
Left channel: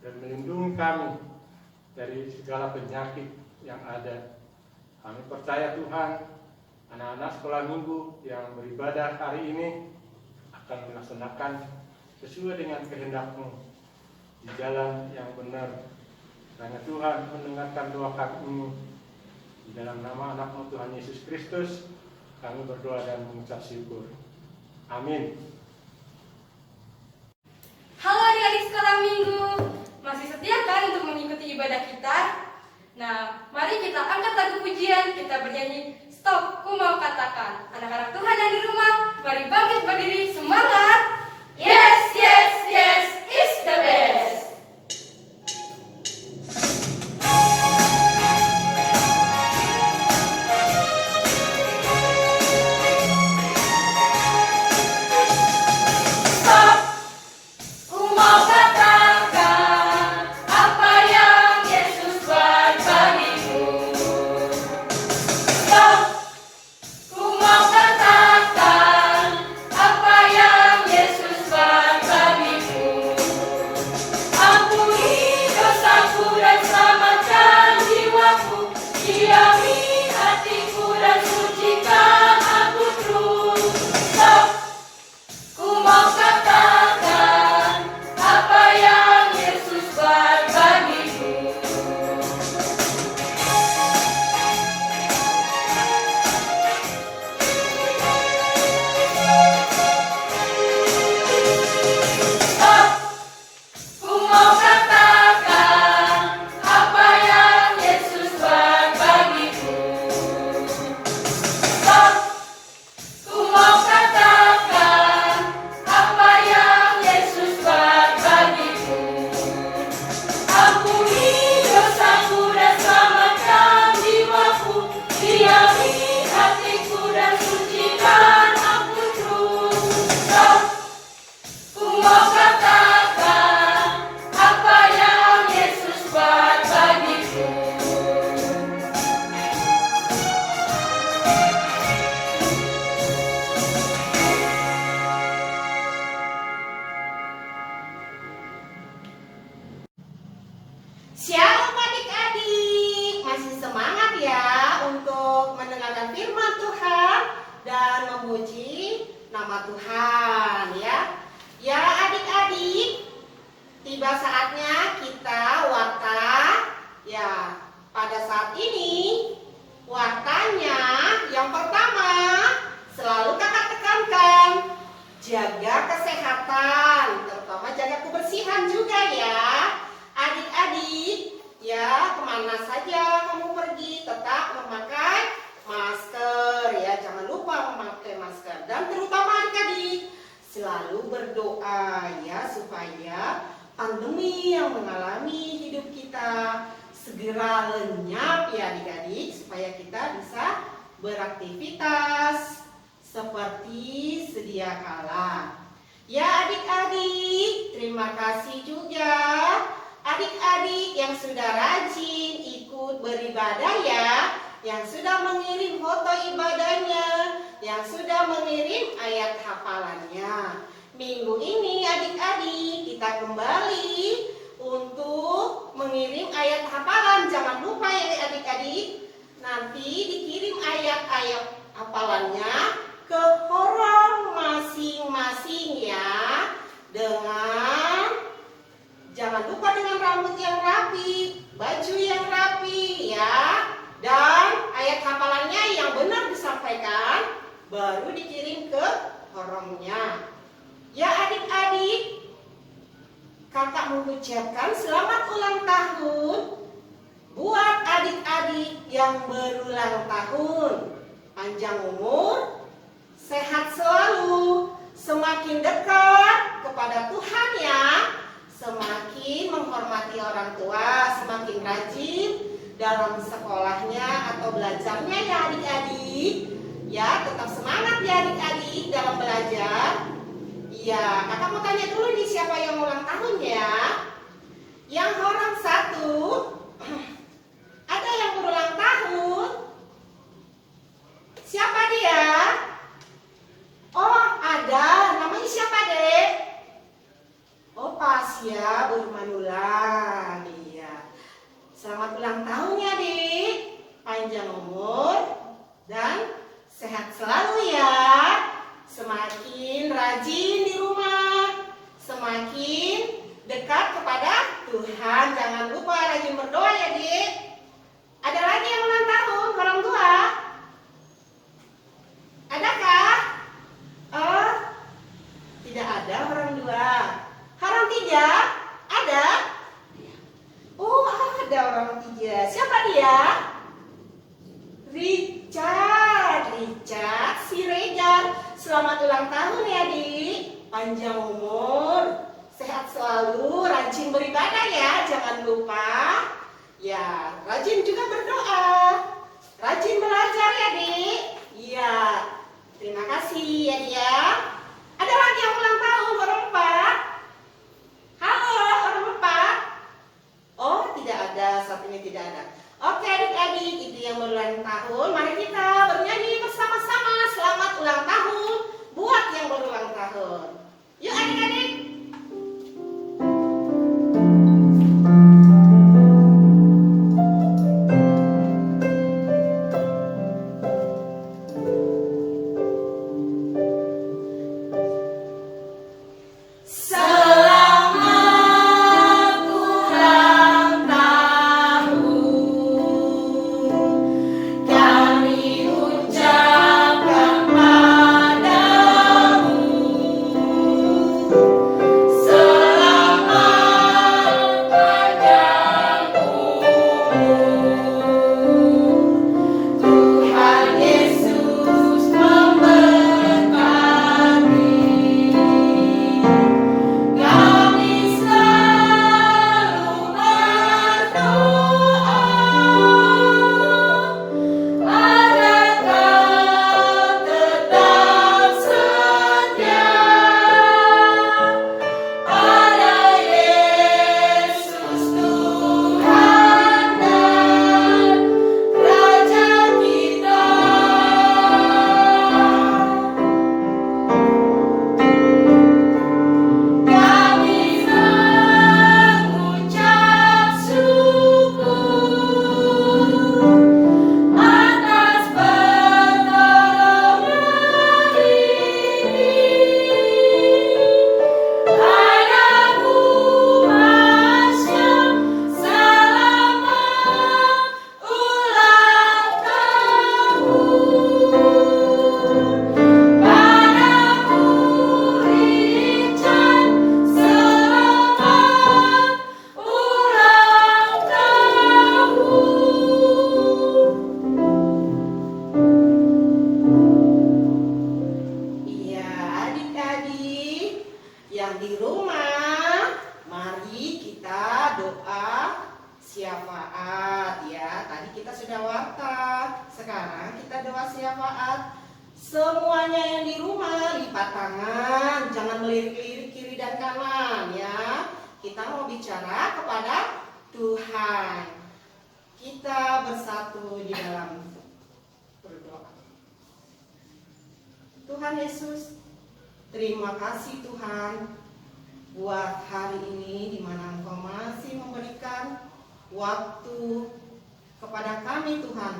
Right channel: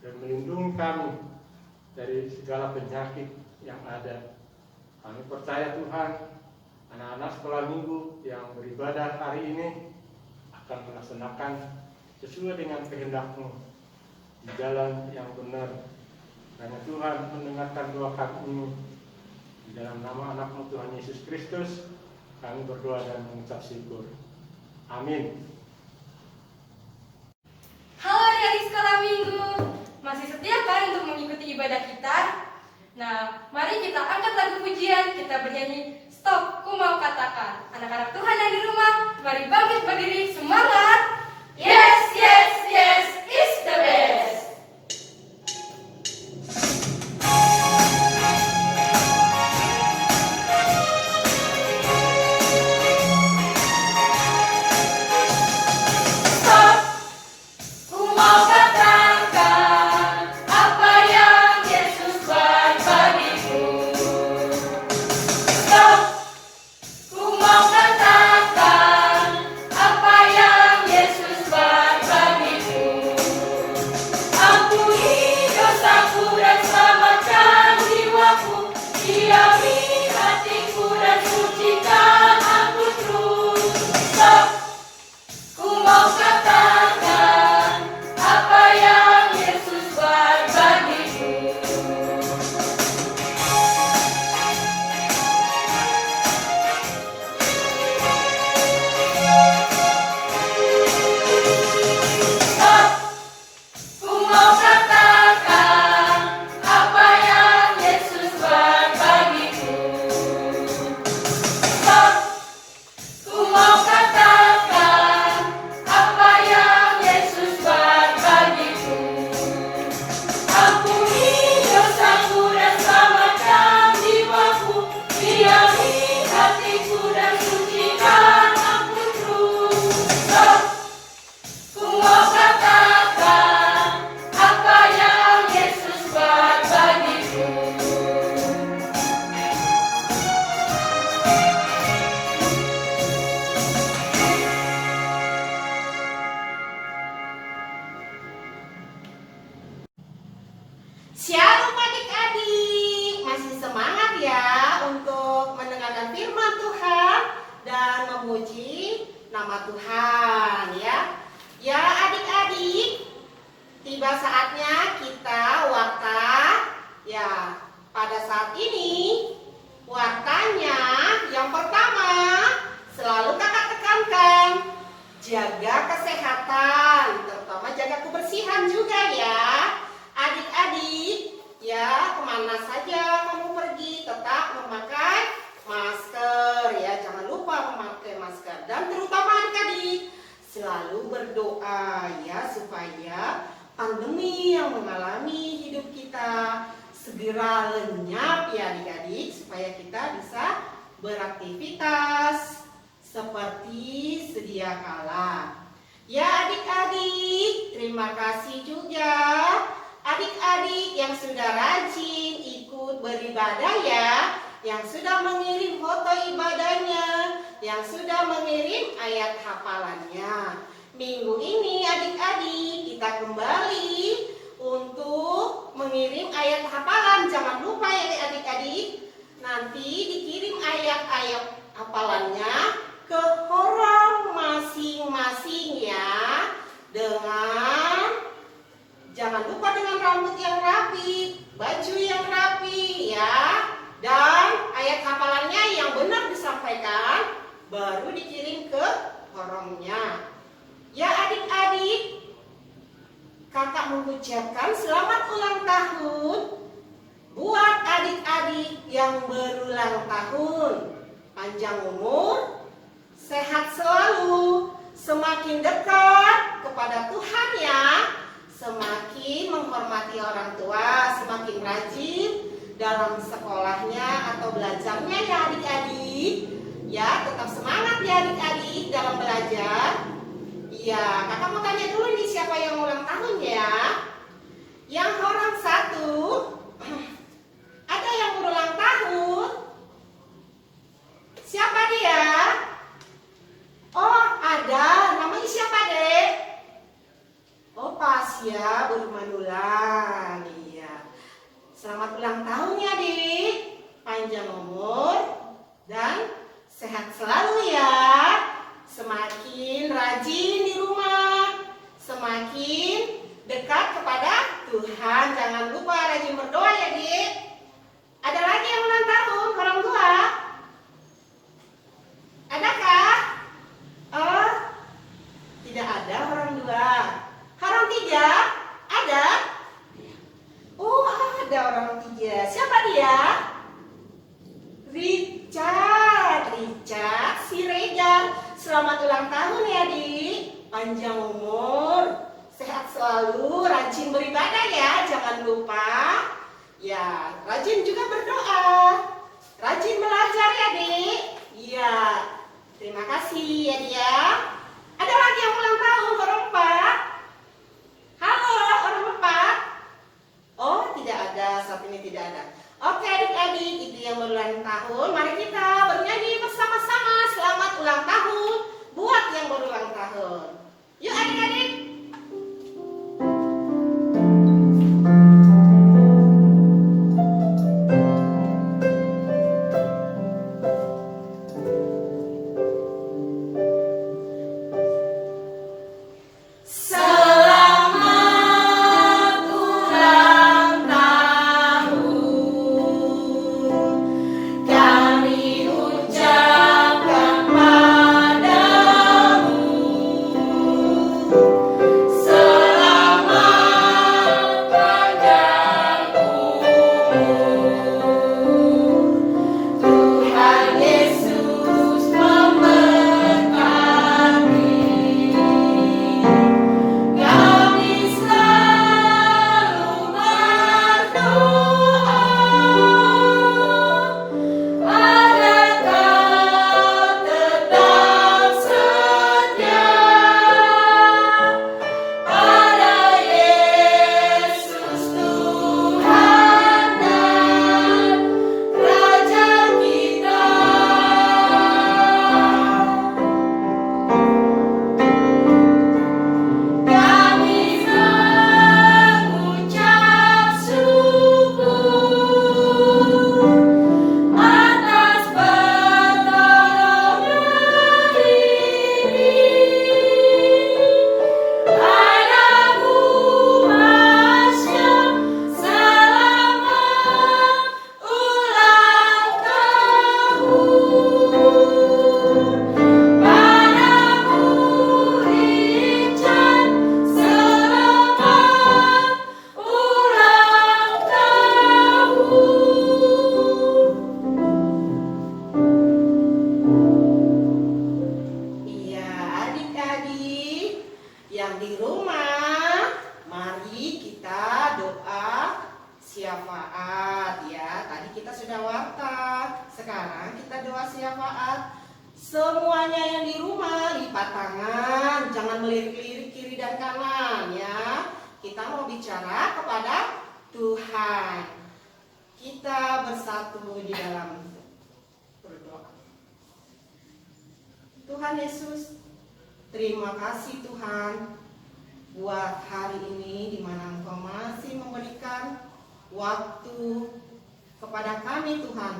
dan melindungi kami dari segala penyakit yang ada. Kami percaya Tuhan, anak-anak sekolah minggu yang beribadah hari ini akan melaksanakan sesuai dengan kehendak-Mu di jalan yang benar. Karena Tuhan mendengarkan doa kami ini. Di dalam nama anak-Mu Tuhan Yesus Kristus, kami berdoa dan mengucap syukur. Amin. Halo adik-adik sekolah minggu, masih setia kan untuk mengikuti ibadah kita? Nah, mari kita angkat lagu pujian, kita bernyanyi Stop, ku mau katakan. Anak-anak Tuhan yang di rumah, mari bangkit berdiri, semangat! Yes, yes, yes, is the best! Stop! Ku mau katakan apa yang Yesus buat bagiku. Stop! Ku mau katakan apa yang Yesus buat bagiku. Ampuni dosaku dan selamatkan jiwaku. Diami hatiku dan sucikan aku terus. Stop! Ku mau katakan apa yang Yesus buat bagiku. Stop! Ku mau katakan apa yang Yesus buat bagiku. Stop! Ku mau katakan apa yang Yesus buat bagiku. Ampuni dosaku dan selamatkan jiwaku. Diami hatiku dan sucikan aku terus. Stop! Ku mau katakan apa yang Yesus buat bagiku. Shalom adik-adik, masih semangat ya untuk mendengarkan firman Tuhan dan memuji nama Tuhan ya. Ya adik-adik, tiba saatnya kita warta ya. Pada saat ini wartanya yang pertama selalu kakak tekankan, jaga kesehatan, terutama jaga kebersihan juga ya. Adik-adik, ya kemana saja kamu pergi tetap memakai masker ya, jangan lupa memakai masker. Dan terutama adik-adik, selalu berdoa ya supaya pandemi yang mengalami hidup kita segera lenyap ya adik-adik, supaya kita bisa beraktivitas seperti sedia kala. Ya adik-adik, terima kasih juga adik-adik yang sudah rajin ikut beribadah ya, yang sudah mengirim foto ibadahnya, yang sudah mengirim ayat hafalannya. Minggu ini adik-adik kita kembali untuk mengirim ayat hafalan. Jangan lupa ya adik-adik, nanti dikirim ayat-ayat hafalannya ke horong masing-masing ya, dengan jangan lupa dengan rambut yang rapi, baju yang rapi ya, dan ayat hafalannya yang benar disampaikan, baru dikirim ke horongnya. Ya adik-adik, kakak mengucapkan selamat ulang tahun buat adik-adik yang berulang tahun. Panjang umur, sehat selalu, semakin dekat kepada Tuhan ya, semakin menghormati orang tua, semakin rajin dalam sekolahnya atau belajarnya ya adik-adik. Ya, tetap semangat ya adik-adik dalam belajar. Ya, kakak mau tanya dulu nih siapa yang ulang tahun ya? Yang orang satu, ada yang berulang tahun? Siapa dia? Oh, ada. Namanya siapa, Dek? Oh, pas ya, Bermanulan. Iya. Selamat ulang tahun ya, Dik. Panjang umur dan sehat selalu ya. Semakin rajin di rumah, semakin dekat kepada Tuhan. Jangan lupa rajin berdoa ya, Dik. Ada lagi yang ulang tahun, orang tua? Adakah? Oh, tidak ada orang tua. Orang tiga ya? Ada? Oh, ada orang ketiga. Siapa dia? Richard Siregar. Selamat ulang tahun ya, Dik. Panjang umur, sehat selalu, rajin beribadah ya, jangan lupa. Ya, rajin juga berdoa. Rajin belajar ya, Dik. Iya. Terima kasih ya, dia. Ada lagi yang ulang tahun, orang 4. Halo, orang 4. Oh, tidak ada, saat ini tidak ada. Oke, adik-adik, itu yang berulang tahun. Mari kita bernyanyi bersama-sama selamat ulang tahun buat yang berulang tahun. Yuk adik-adik. syafaat ya. Tadi kita sudah warta, sekarang kita doa syafaat. Semuanya yang di rumah lipat tangan, jangan melirik-lirik kiri dan kanan ya. Kita mau bicara kepada Tuhan. Kita bersatu di dalam berdoa. Tuhan Yesus, terima kasih Tuhan buat hari ini di mana Engkau masih memberikan waktu kepada kami Tuhan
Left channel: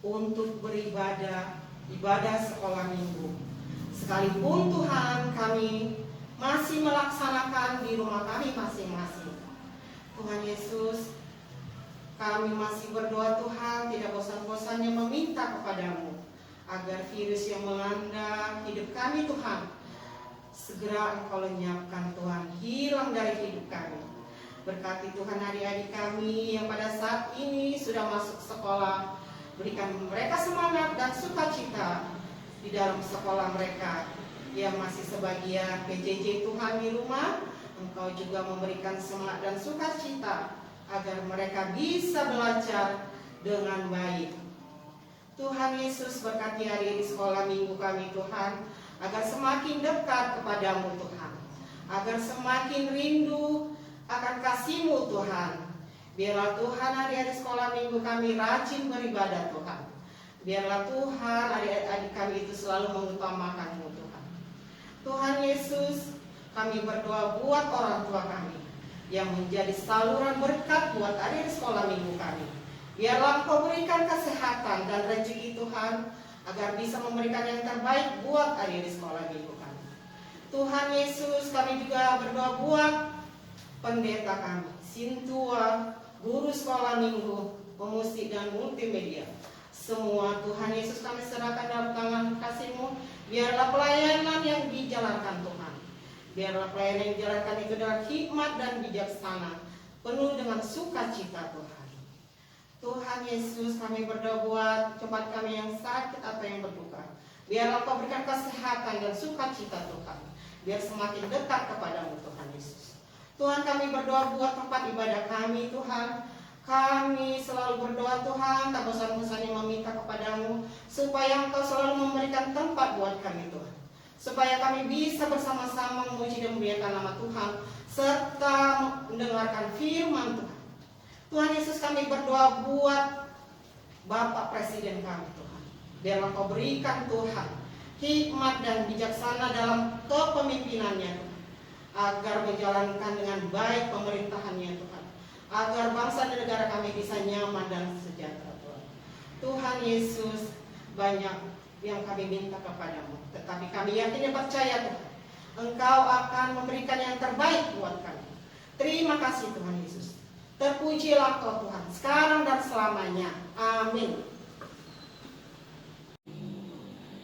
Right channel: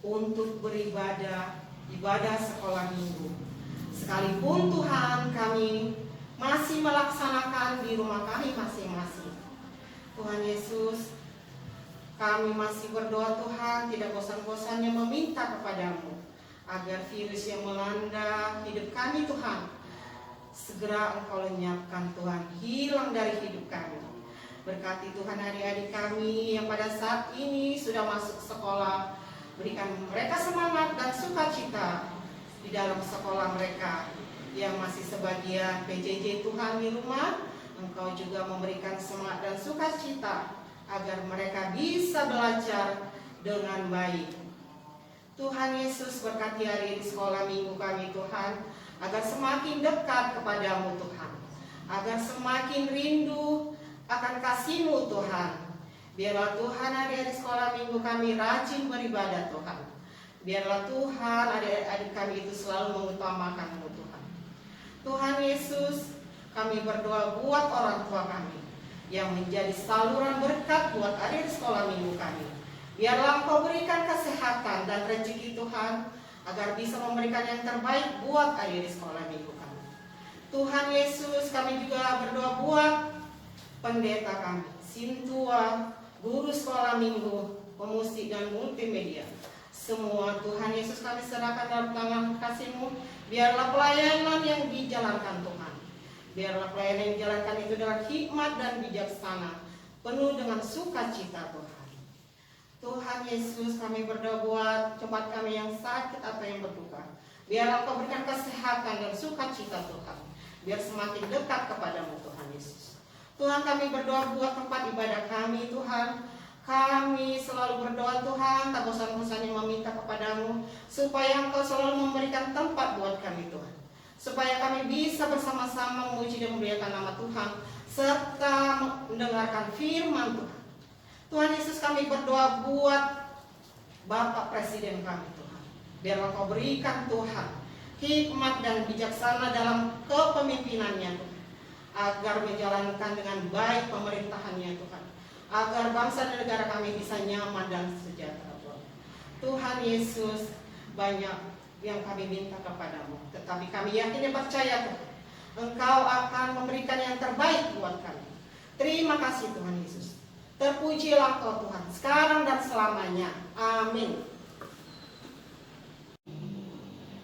untuk beribadah, ibadah sekolah minggu. Sekalipun Tuhan kami masih melaksanakan di rumah kami masing-masing. Tuhan Yesus, kami masih berdoa Tuhan, tidak bosan-bosannya meminta kepadamu agar virus yang melanda hidup kami Tuhan, segera Engkau lenyapkan Tuhan, hilang dari hidup kami. Berkati Tuhan adik-adik kami yang pada saat ini sudah masuk sekolah, berikan mereka semangat dan sukacita di dalam sekolah mereka. Yang masih sebagian PJJ Tuhan di rumah, Engkau juga memberikan semangat dan sukacita agar mereka bisa belajar dengan baik. Tuhan Yesus, berkati hari ini sekolah minggu kami Tuhan, agar semakin dekat kepadamu Tuhan, agar semakin rindu akan kasih-Mu Tuhan. Biarlah Tuhan hari-hari sekolah minggu kami rajin beribadah Tuhan. Biarlah Tuhan adik-adik kami itu selalu mengutamakan-Mu Tuhan. Tuhan Yesus, kami berdoa buat orang tua kami yang menjadi saluran berkat buat adik sekolah minggu kami. Biarlah Engkau berikan kesehatan dan rezeki Tuhan, agar bisa memberikan yang terbaik buat adik sekolah minggu kami. Tuhan Yesus, kami juga berdoa buat pendeta kami, Sintua, guru sekolah minggu, pemusik dan multimedia. Semua Tuhan Yesus kami serahkan dalam tangan kasih-Mu. Biarlah pelayanan yang dijalankan Tuhan, Biarlah pelayanan yang dijalankan itu dengan hikmat dan bijaksana, penuh dengan sukacita Tuhan. Tuhan Yesus, kami berdoa buat jemaat kami yang sakit atau yang berduka. Biarlah Kau berikan kesehatan dan sukacita Tuhan. Biar semakin dekat kepadamu Tuhan Yesus. Tuhan, kami berdoa buat tempat ibadah kami Tuhan. Kami selalu berdoa Tuhan, tak bosan-bosan yang meminta kepadamu, supaya Engkau selalu memberikan tempat buat kami Tuhan. Supaya kami bisa bersama-sama memuji dan memuliakan nama Tuhan, serta mendengarkan firman Tuhan. Tuhan Yesus, kami berdoa buat Bapak Presiden kami Tuhan. Biarlah Kau berikan Tuhan hikmat dan bijaksana dalam kepemimpinannya Tuhan, agar menjalankan dengan baik pemerintahannya Tuhan, agar bangsa dan negara kami bisa nyaman dan sejahtera Tuhan. Tuhan Yesus, banyak yang kami minta kepadamu, tetapi kami yakin dan percaya Tuhan, Engkau akan memberikan yang terbaik buat kami. Terima kasih Tuhan Yesus. Terpujilah Kau Tuhan, sekarang dan selamanya. Amin.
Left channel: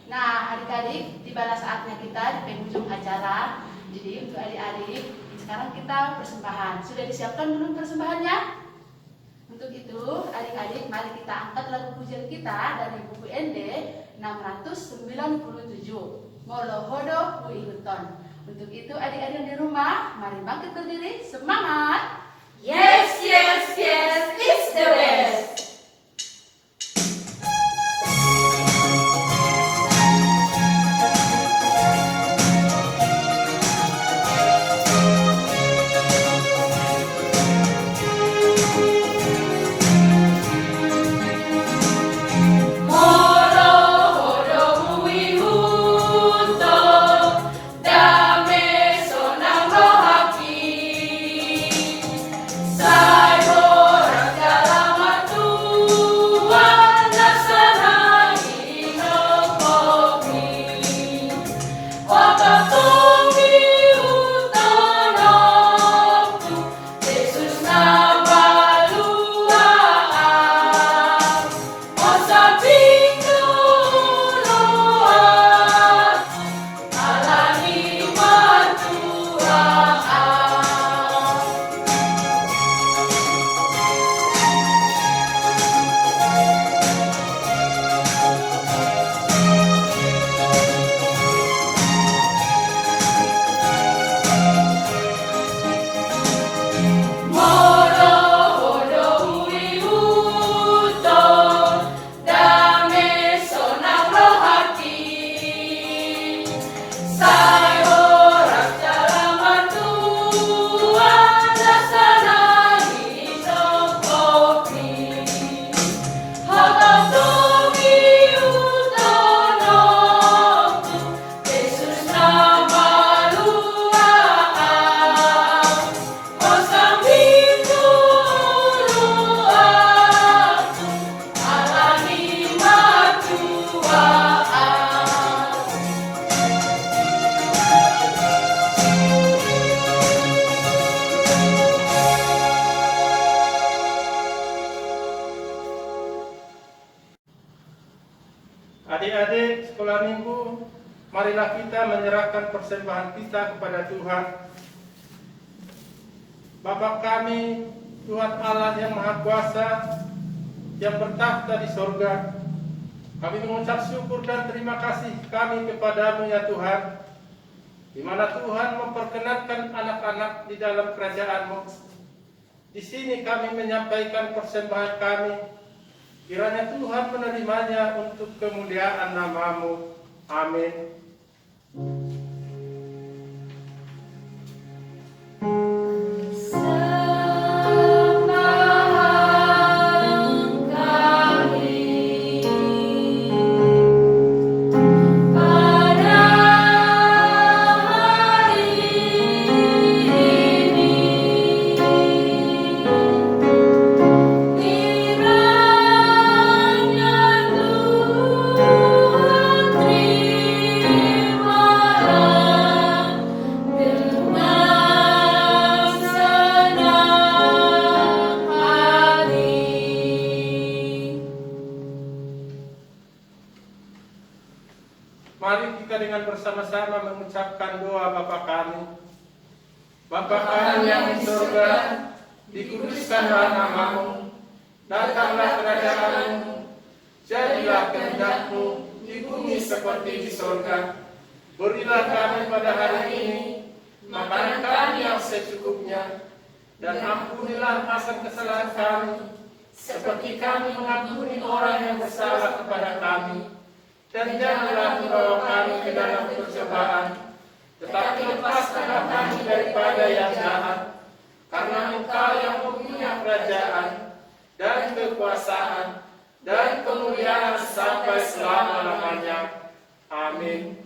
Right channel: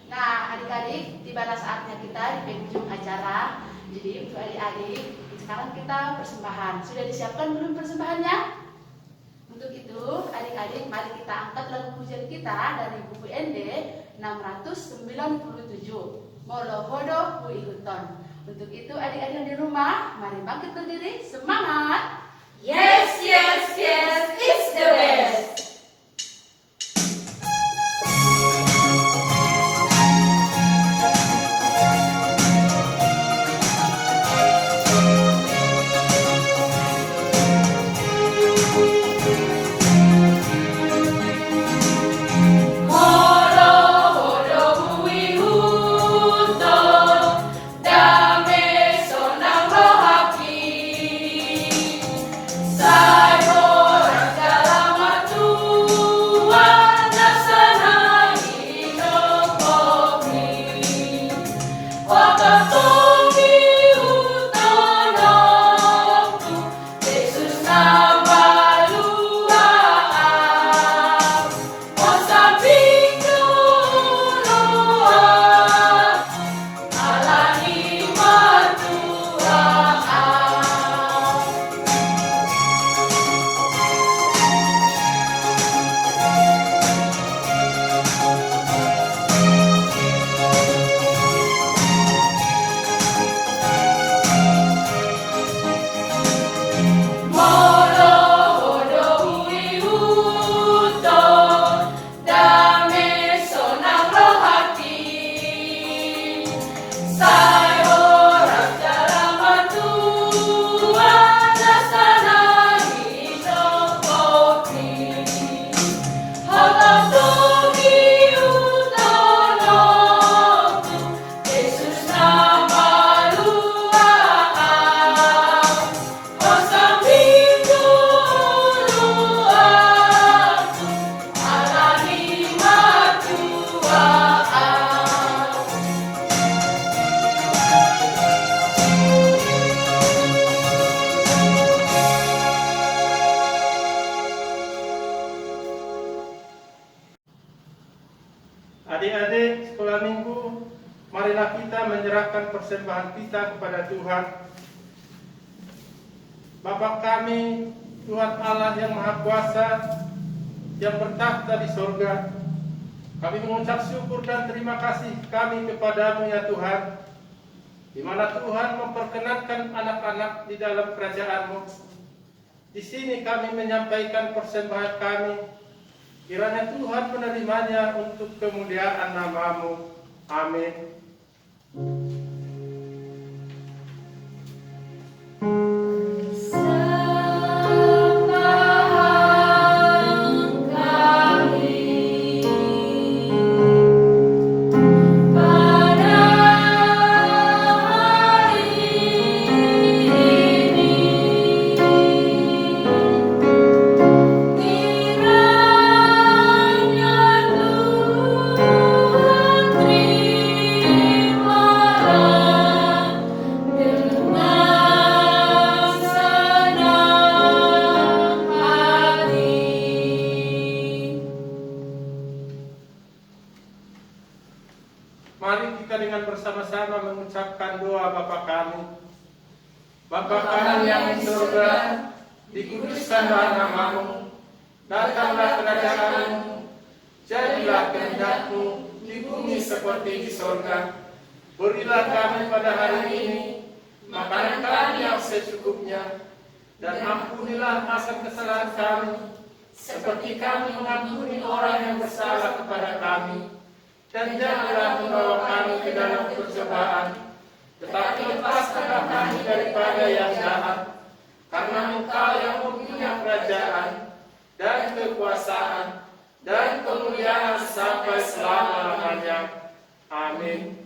Nah, adik-adik, tibalah saatnya kita di penghujung acara. Jadi untuk adik-adik, sekarang kita persembahan. Sudah disiapkan belum persembahannya? Untuk itu, adik-adik, mari kita angkat lagu pujian kita dari buku ND 697, Molohodo Buiruton. Untuk itu, adik-adik yang di rumah, mari bangkit berdiri, semangat! Yes, yes, yes, it's the best. Adik-adik sekolah minggu, marilah kita menyerahkan persembahan kita kepada Tuhan. Bapa kami, Tuhan Allah yang Maha Kuasa, yang bertakhta di sorga, kami mengucap syukur dan terima kasih kami kepadamu ya Tuhan, di mana Tuhan memperkenankan anak-anak di dalam kerajaan-Mu. Di sini kami menyampaikan persembahan kami. Kiranya Tuhan menerimanya untuk kemuliaan nama-Mu. Amin. Mari kita dengan bersama-sama mengucapkan doa Bapa kami. Bapa kami yang di surga, dikuduskanlah namamu, datanglah kerajaanmu, jadilah kehendakmu di bumi seperti di surga. Berilah kami pada hari ini makanan kami yang secukupnya, dan ampunilah kesalahan kami, seperti kami mengampuni orang yang bersalah kepada kami. Dan janganlah membawa kami ke dalam percobaan, tetapi lepaskanlah kami daripada yang jahat. Karena Engkau yang mempunyai kerajaan, dan kekuasaan, dan kemuliaan sampai selama-lamanya. Amin.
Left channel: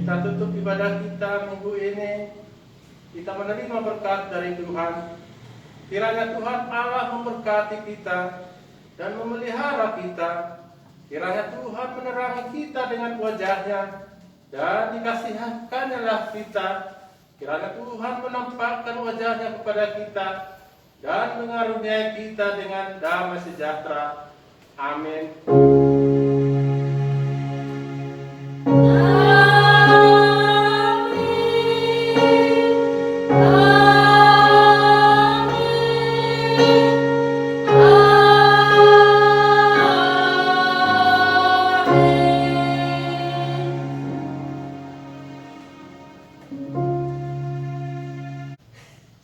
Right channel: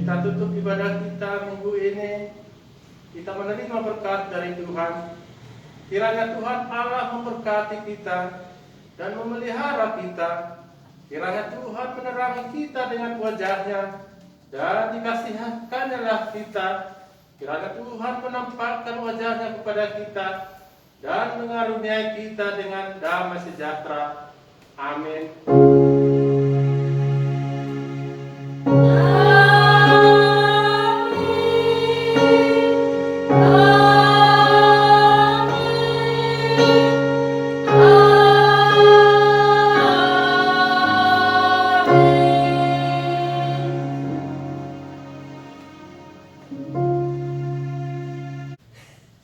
Kita tutup ibadah kita minggu ini. Kita menerima berkat dari Tuhan. Kiranya Tuhan Allah memberkati kita dan memelihara kita. Kiranya Tuhan menerangi kita dengan wajah-Nya dan dikasihankannya kita. Kiranya Tuhan menampakkan wajah-Nya kepada kita dan mengaruniai kita dengan damai sejahtera. Amin.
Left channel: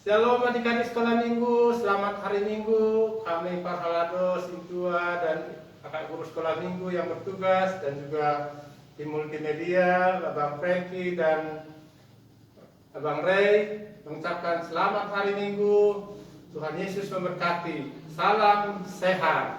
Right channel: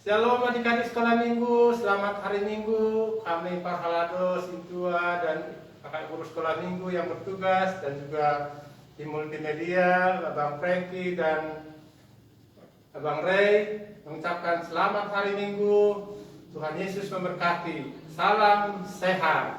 Shalom adik-adik sekolah minggu, selamat hari minggu. Kami Pak Halado, Sintua, dan kakak guru sekolah minggu yang bertugas, dan juga tim multimedia, Abang Franky dan Abang Ray, mengucapkan selamat hari minggu. Tuhan Yesus memberkati. Salam sehat.